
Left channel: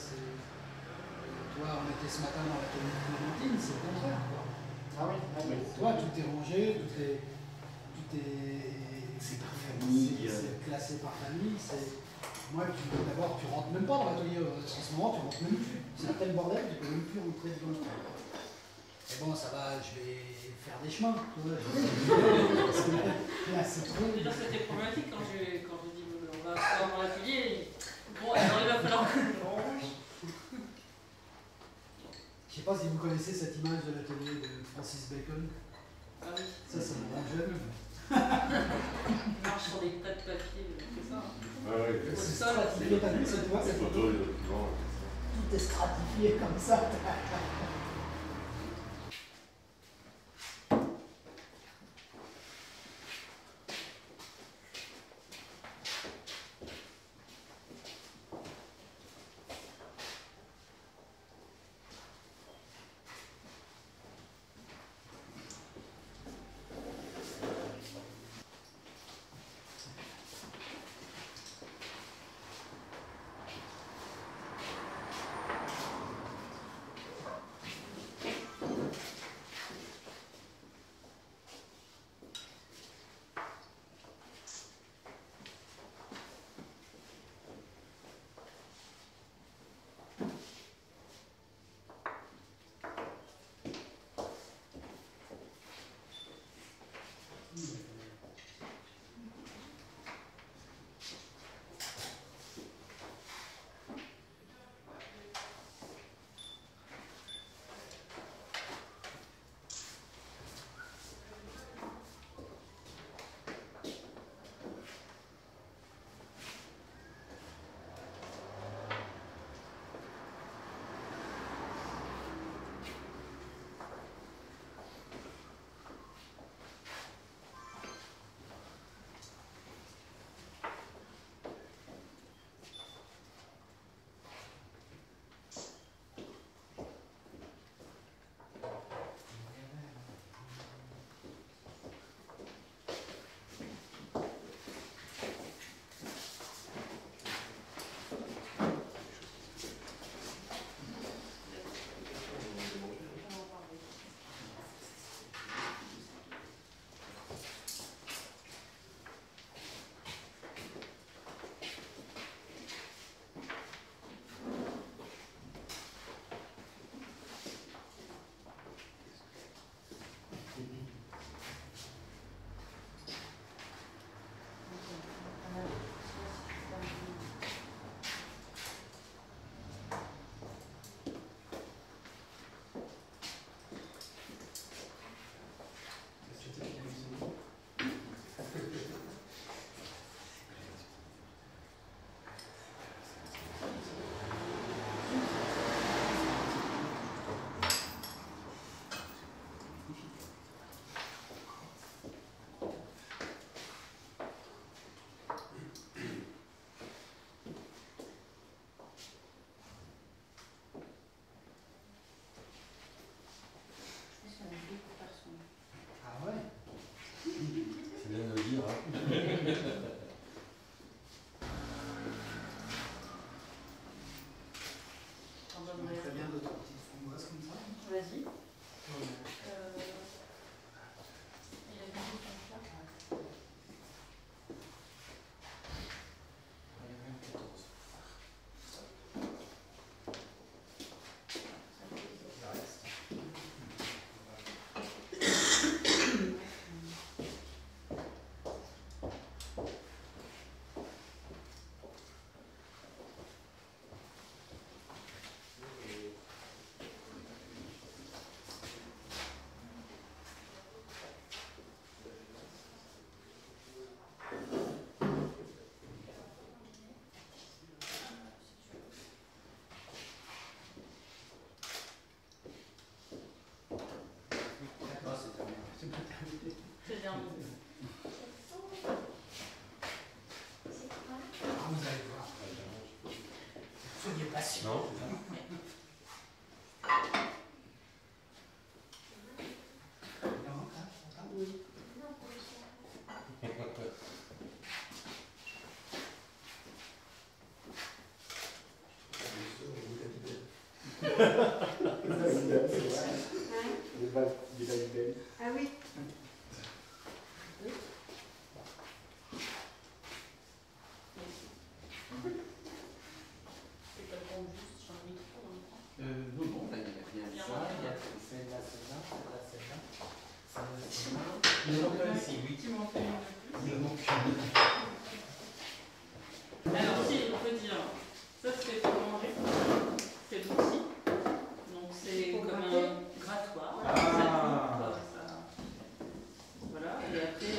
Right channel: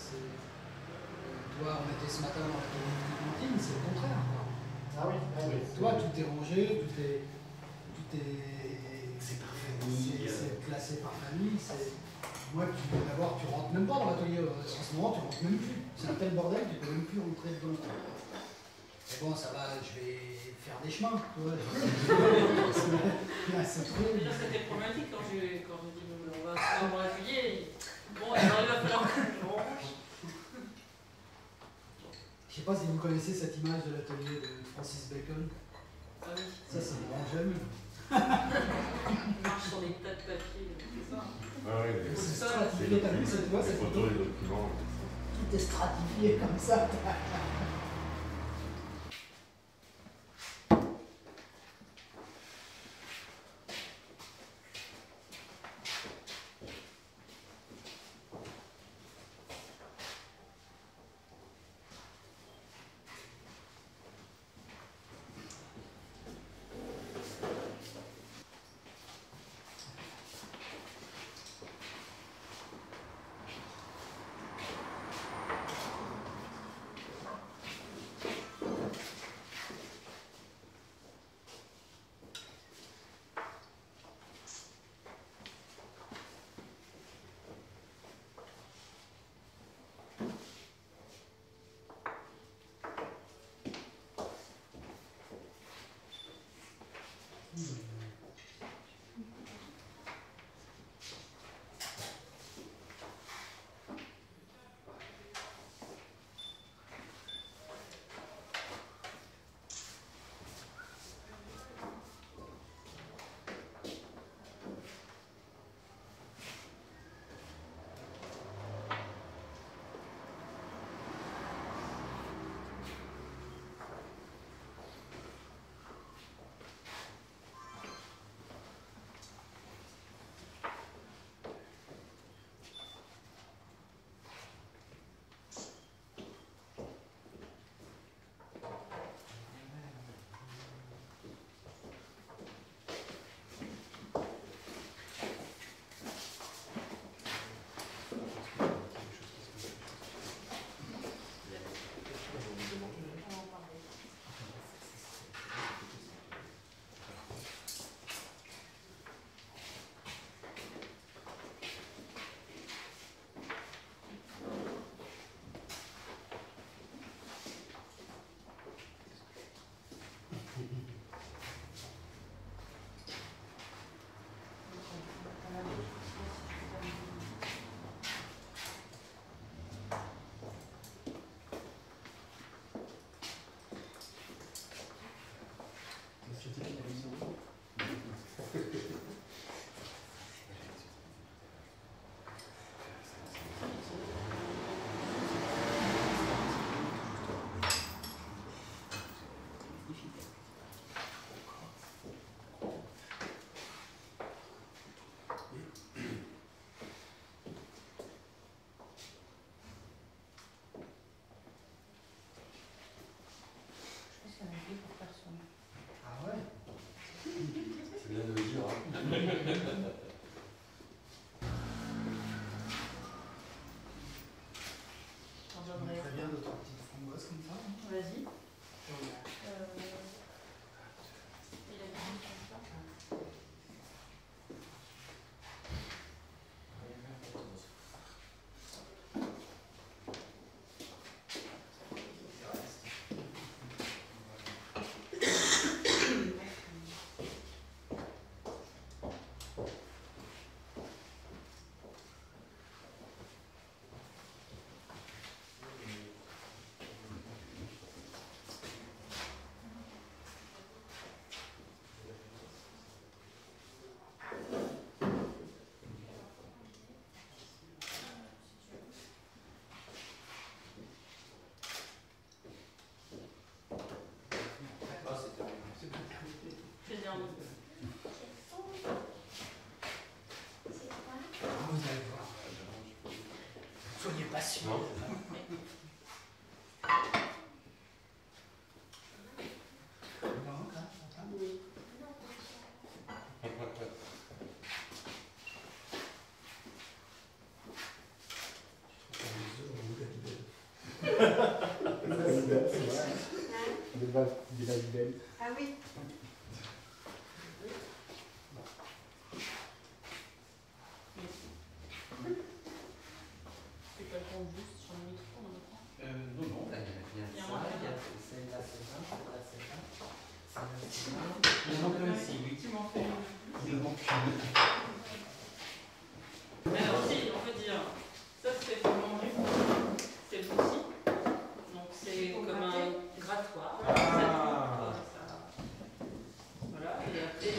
toi, on était ce matin dans l'atelier de Clémentine, c'est le contraire, quoi. Ah oui. Toi, tout est rangé, tout est c'est classé par famille. Moi, d'abord, tu rentres même pas dans l'atelier. En ce moment, tu rentres même plus. C'est un tel bordel, tu peux même plus rentrer dedans. Mais bon, ça va, je vais faire des chemins, tu vois. Là, c'est trop. Déjà, c'était problématique quand j'ai dit on va se faire dans l'atelier. Bon, alors il va falloir que je range. Je sais pas si vous connaissez cette image de l'atelier de Francis Bacon. Ah oui. Ça me rend jeune. Il marche sur des tas de papier, c'est ça. Ah oui, c'est stratifié, t'as vu cette voix, les photos, les documents. Tout est stratifié comme ça. dira. Très bien d'autres petites framboises comme ça. Vas-y. C'est bien. Vous allez voir. Soyez patient. Ah oui. Non, non, là, il y a bien ça, il y a celle-là, celle-là, celle-là, celle-là, celle-là, celle-là. Il en manque ici, oui. Tu m'en fais une. Il en manque une. Alors si, on peut dire, ça c'est pour manger, c'est l'outil. Donc c'est Pour comme gratter. un grattoir. Ah. Voilà, et après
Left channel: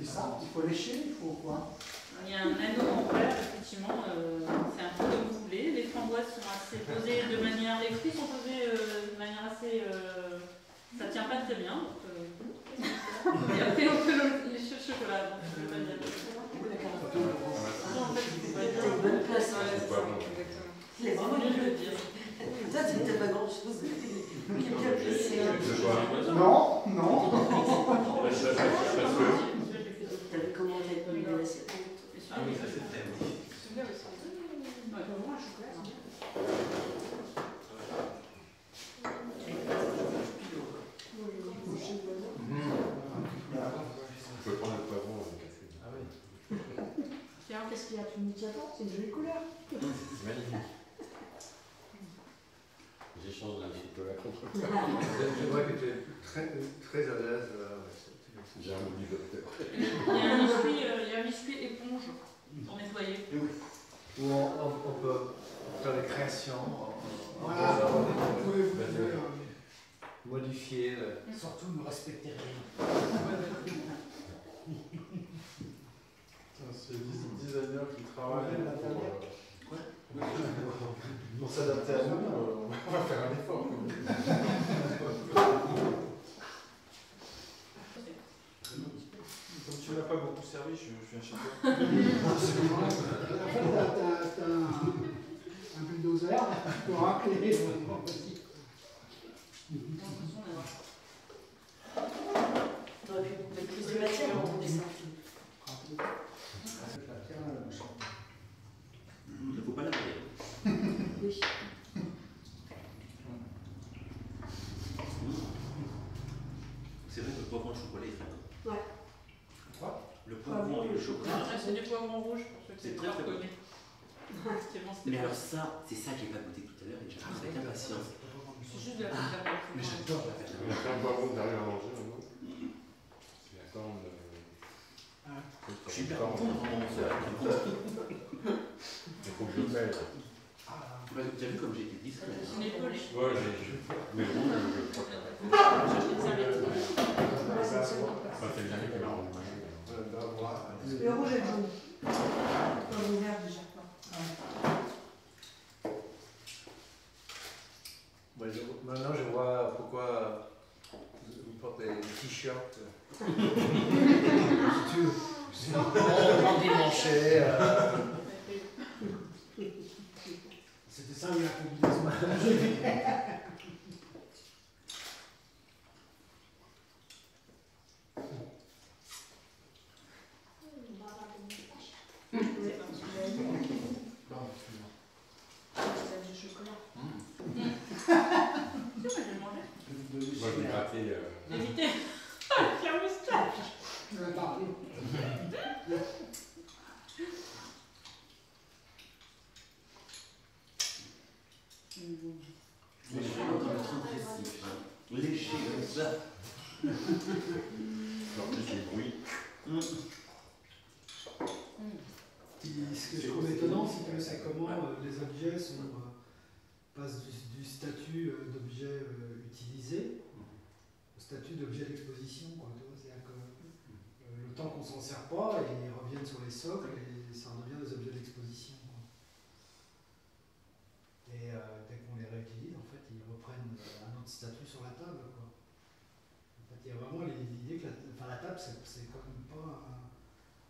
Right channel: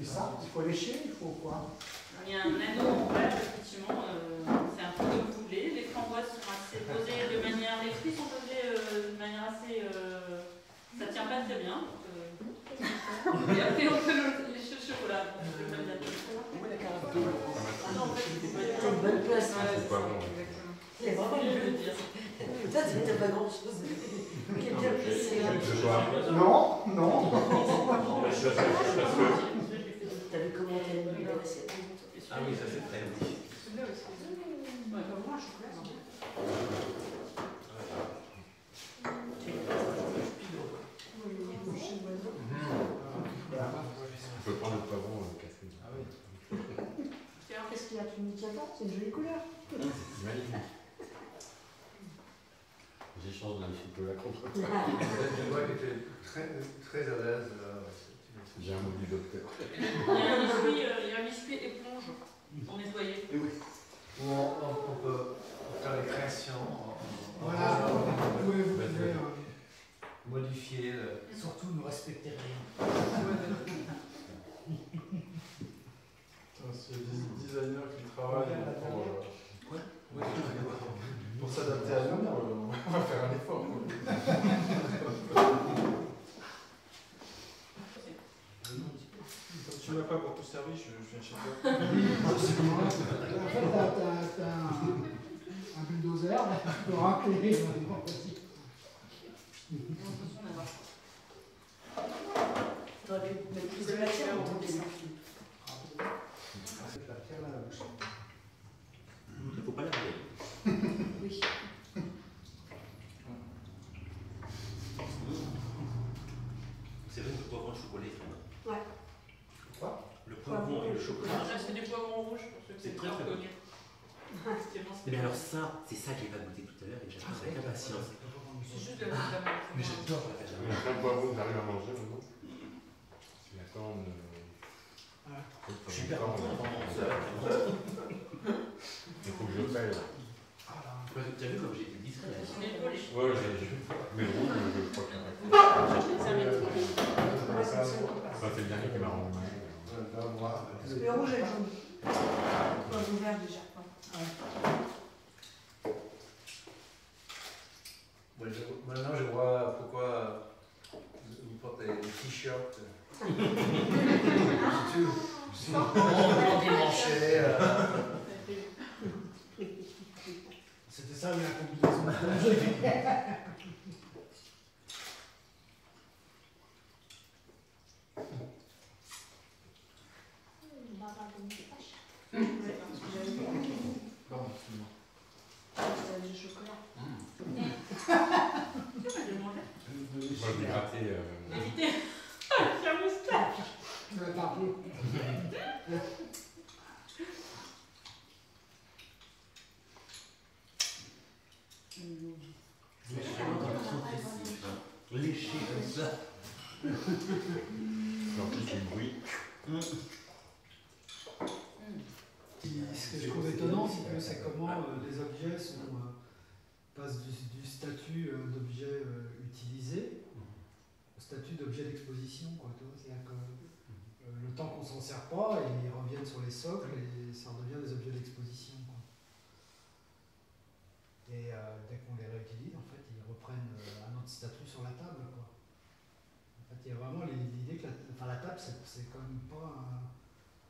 Et ça, il faut lécher, il faut quoi? il y a un anneau en verre, effectivement, c'est un peu comme vous voulez. Les framboises sont assez posées de manière, les fruits sont posés de manière assez, ça tient pas très bien. Et après on peut lécher le chocolat, donc on peut le mettre là-dedans. Non, en fait, c'est pas T'as une bonne place. Ouais, C'est pas bon. exactement. C'est vraiment mieux de le dire. Toi, t'as pas grand chose. Quelqu'un peut essayer. C'est quoi? Non, non. Parce que T'avais commandé une belle assiette. Ah oui, ça c'est très bon. Celui-là aussi. Ouais, bah, moi, je chocolat. on peut prendre le poivron Catherine. Ah oui. Tiens, Qu'est-ce qu'il y a? Tu me dis, attends, c'est une jolie couleur. C'est magnifique. J'échange le chocolat contre. Je vois que tu es très à l'aise. J'ai un mobile docteur. il y a un biscuit éponge pour nettoyer. Ou on peut faire des créations. Voilà, vous pouvez Modifier. surtout ne respecter rien. C'est les designers qui travaillent pour s'adapter à nous, on va faire un effort. Comme tu m'as pas beaucoup servi, je viens chez toi. En fait, t'as un bulldozer, tu peux racler. T'aurais pu mettre plus de matière dans ton dessin. Il ne faut pas la regarder. Oui. C'est vrai que le poivron et le chocolat est très bon. Ouais. Quoi? Le poivron et le chocolat. Là, c'est du poivron rouge pour ceux qui C'est sont très, très bon. reconnus. Effectivement, c'est Mais bon. alors ça, c'est ça que j'ai pas goûté tout à l'heure et j'attends avec impatience. C'est juste de la vitamine. Mais j'adore la viande. Il y a plein de poivrons que j'arrive à manger maintenant. C'est la corne. Je suis hyper content avant 11 heures. Il faut que je paye là. Tu as vu comme j'ai été discret. On est collés. Ouais, mais rouge, je crois que Cherche les serviettes. c'est le dernier qui m'a rendu malade. Le rouge et le jaune. Non, le vert déjà. Maintenant, je vois pourquoi vous portez des t-shirts. On démanché. C'était ça, oui, la combinaison. Moi, je vais gratter. Évitez la moustache. Pardon. Léché comme ça. En plus, les bruits. Ce que je trouve étonnant, c'est comment les objets passent du statut d'objet utilisé au statut d'objet d'exposition. C'est-à-dire que le temps qu'on s'en sert pas, ils reviennent sur les socles et ça redevient des objets d'exposition. Et dès qu'on les réutilise, en fait, ils reprennent un autre statut sur la table. En fait, il y a vraiment l'idée que la table, c'est quand même pas un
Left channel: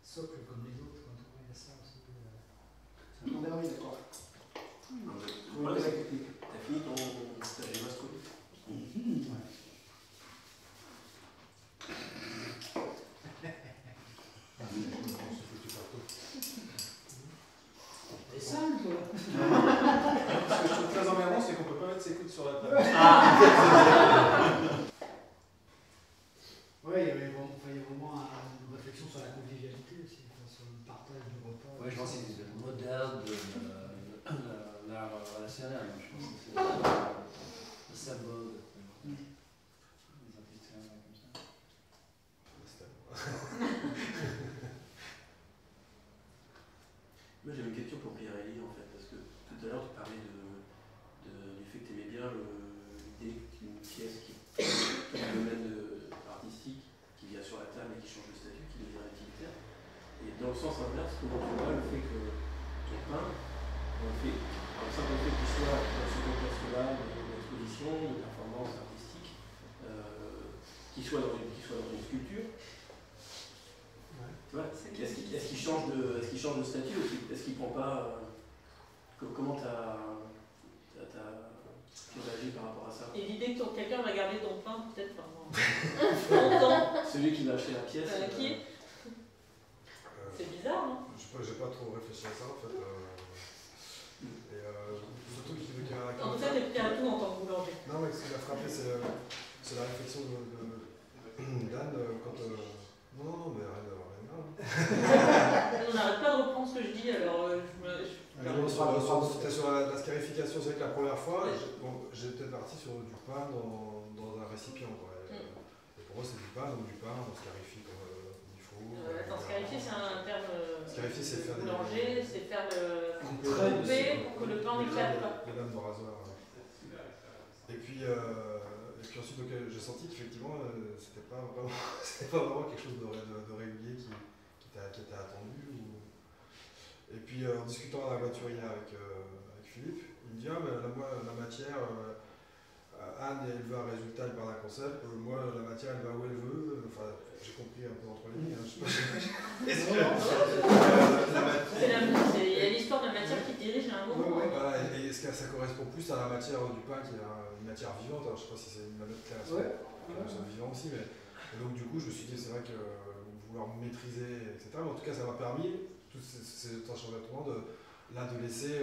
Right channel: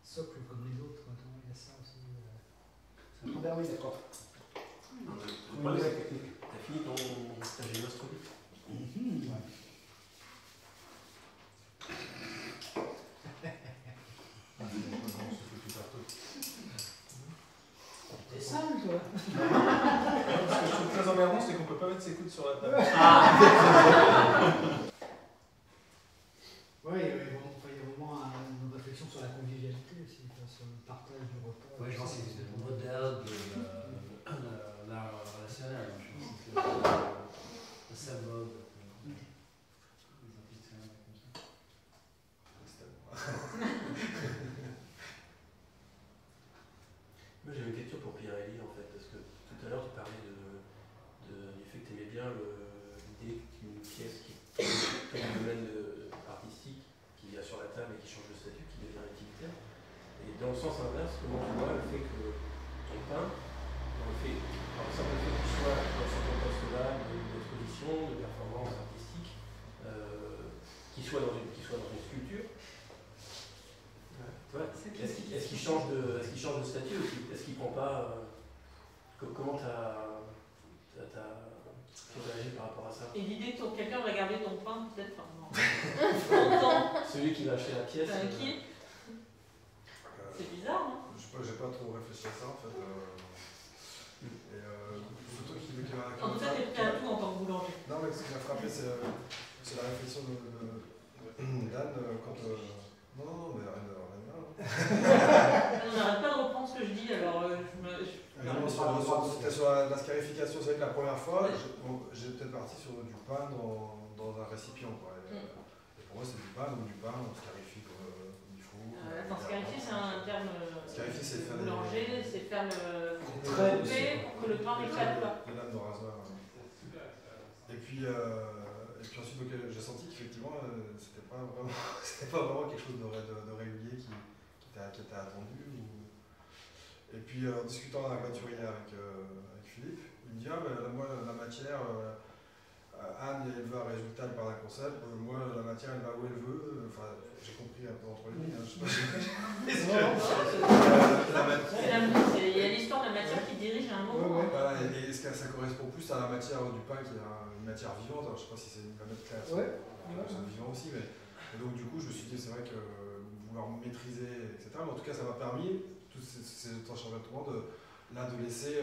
socle comme les autres. Il y a ça aussi. On verra, oui, d'accord. T'as fini ta géoastropie? Ouais. T'es sale, toi. Ce que je trouve très emmerdant, c'est qu'on peut pas mettre ses coudes sur la table. Oui, il y a vraiment une réflexion sur la convivialité aussi, sur le partage du repas. Oui, je pense que c'est le modèle de l'art relationnel. Je pense que c'est le symbole des artistes comme ça. Moi j'avais une question pour Pierre-Élie en fait, parce que tout à l'heure tu parlais du fait que tu aimais bien l'idée qu'une pièce qui est dans le domaine artistique, qui vient sur la table et qui change de statut, qui devient utilitaire. Et dans le sens inverse, souvent tu vois le fait que ton peint, le fait, par exemple, le fait qu'il soit sur un festival, d'exposition, de performance artistique, qu'il soit dans une sculpture. Est-ce qu'il change de statut ou est-ce qu'il prend pas comment t'as réagi par rapport à ça? Et l'idée que quelqu'un va garder ton pain, peut-être pas. Longtemps. Celui qui va acheter la pièce. Qui est c'est bizarre, non? J'ai pas trop réfléchi à ça en fait. Et surtout qui m'a. En tout cas, t'es prêt à tout en tant que boulanger. Non, mais ce qui m'a frappé, c'est la réflexion d'Anne quand. Non, mais arrête là. On n'arrête pas de reprendre ce que je dis, alors C'était sur la scarification. C'est vrai que la première fois, j'étais parti sur du pain dans un récipient. Quoi. Et pour moi, c'est du pain, on scarifie comme il faut. Attends, scarifier, c'est un terme boulanger, c'est faire le couper pour que le pain n'éclate pas. Des lames de rasoir. Et puis ensuite, j'ai senti qu'effectivement, c'était pas vraiment quelque chose de régulier qui était attendu. Et puis en discutant dans la voiture hier avec Philippe, il me dit moi la matière, Anne elle veut un résultat, elle parle d'un concept, moi la matière elle va où elle veut, enfin j'ai compris un peu entre les lignes, je sais pas. Il y a l'histoire de la matière qui dirige à un moment. Voilà, et ça correspond plus à la matière du pain qui est une matière vivante, alors je sais pas si c'est une planète claire, c'est vivant aussi, mais et donc du coup je me suis dit c'est vrai que vouloir maîtriser, etc. Mais en tout cas ça m'a permis, tous ces changements de laisser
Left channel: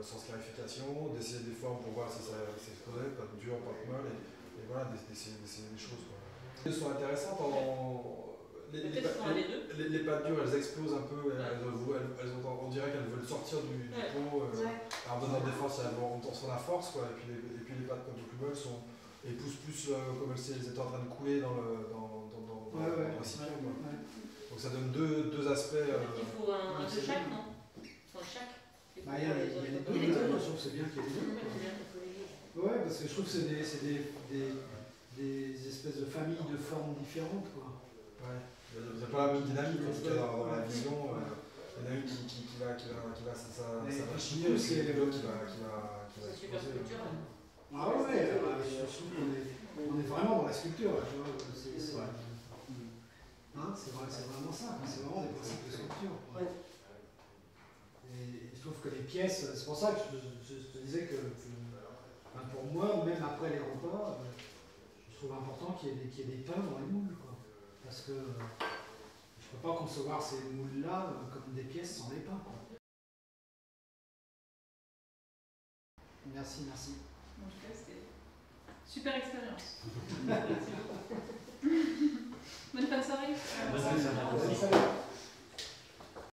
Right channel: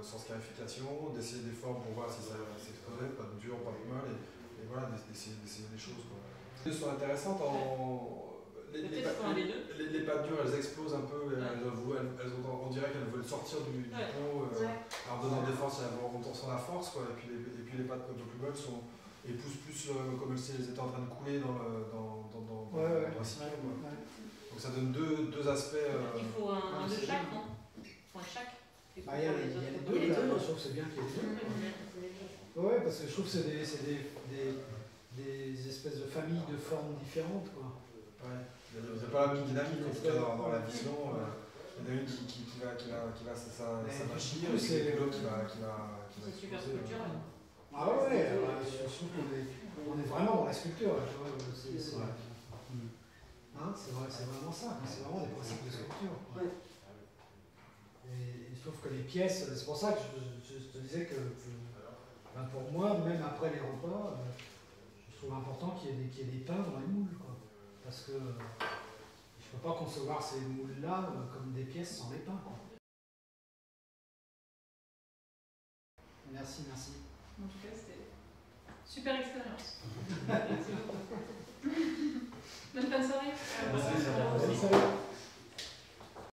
sans scarification, d'essayer des formes pour voir si ça s'explosait, pas de dur, pas de molle, et voilà, d'essayer des choses. Elles sont intéressantes les pâtes dures, elles explosent un peu, on dirait qu'elles veulent sortir du pot, en donnant des forces, on sent la force, quoi, et puis les pâtes un peu plus molles poussent plus comme si elles étaient en train de couler dans le récipient. Donc ça donne deux aspects. Il faut un de chaque, non? Il faut un chaque. Il y a les deux, je trouve que c'est bien qu'il y ait les deux. Ouais, parce que je trouve que c'est des espèces de familles de formes différentes, quoi. Ouais. Il n'y a pas la même dynamique en tout cas dans la vision. Il y en a une qui va s'achiner, et l'autre qui va. C'est super culturel. Ah ouais, je trouve qu'on est vraiment dans la sculpture. C'est vraiment ça, c'est vraiment des principes de sculpture. Et je trouve que les pièces, c'est pour ça que je te disais que pour moi, même après les repas, je trouve important qu'il y ait des pains dans les moules. Quoi. Parce que je ne peux pas concevoir ces moules-là comme des pièces sans les pains. Quoi. Merci. En tout cas, c'était Super expérience. Merci beaucoup. Bonne fin de soirée. Bonne fin de soirée. Salut.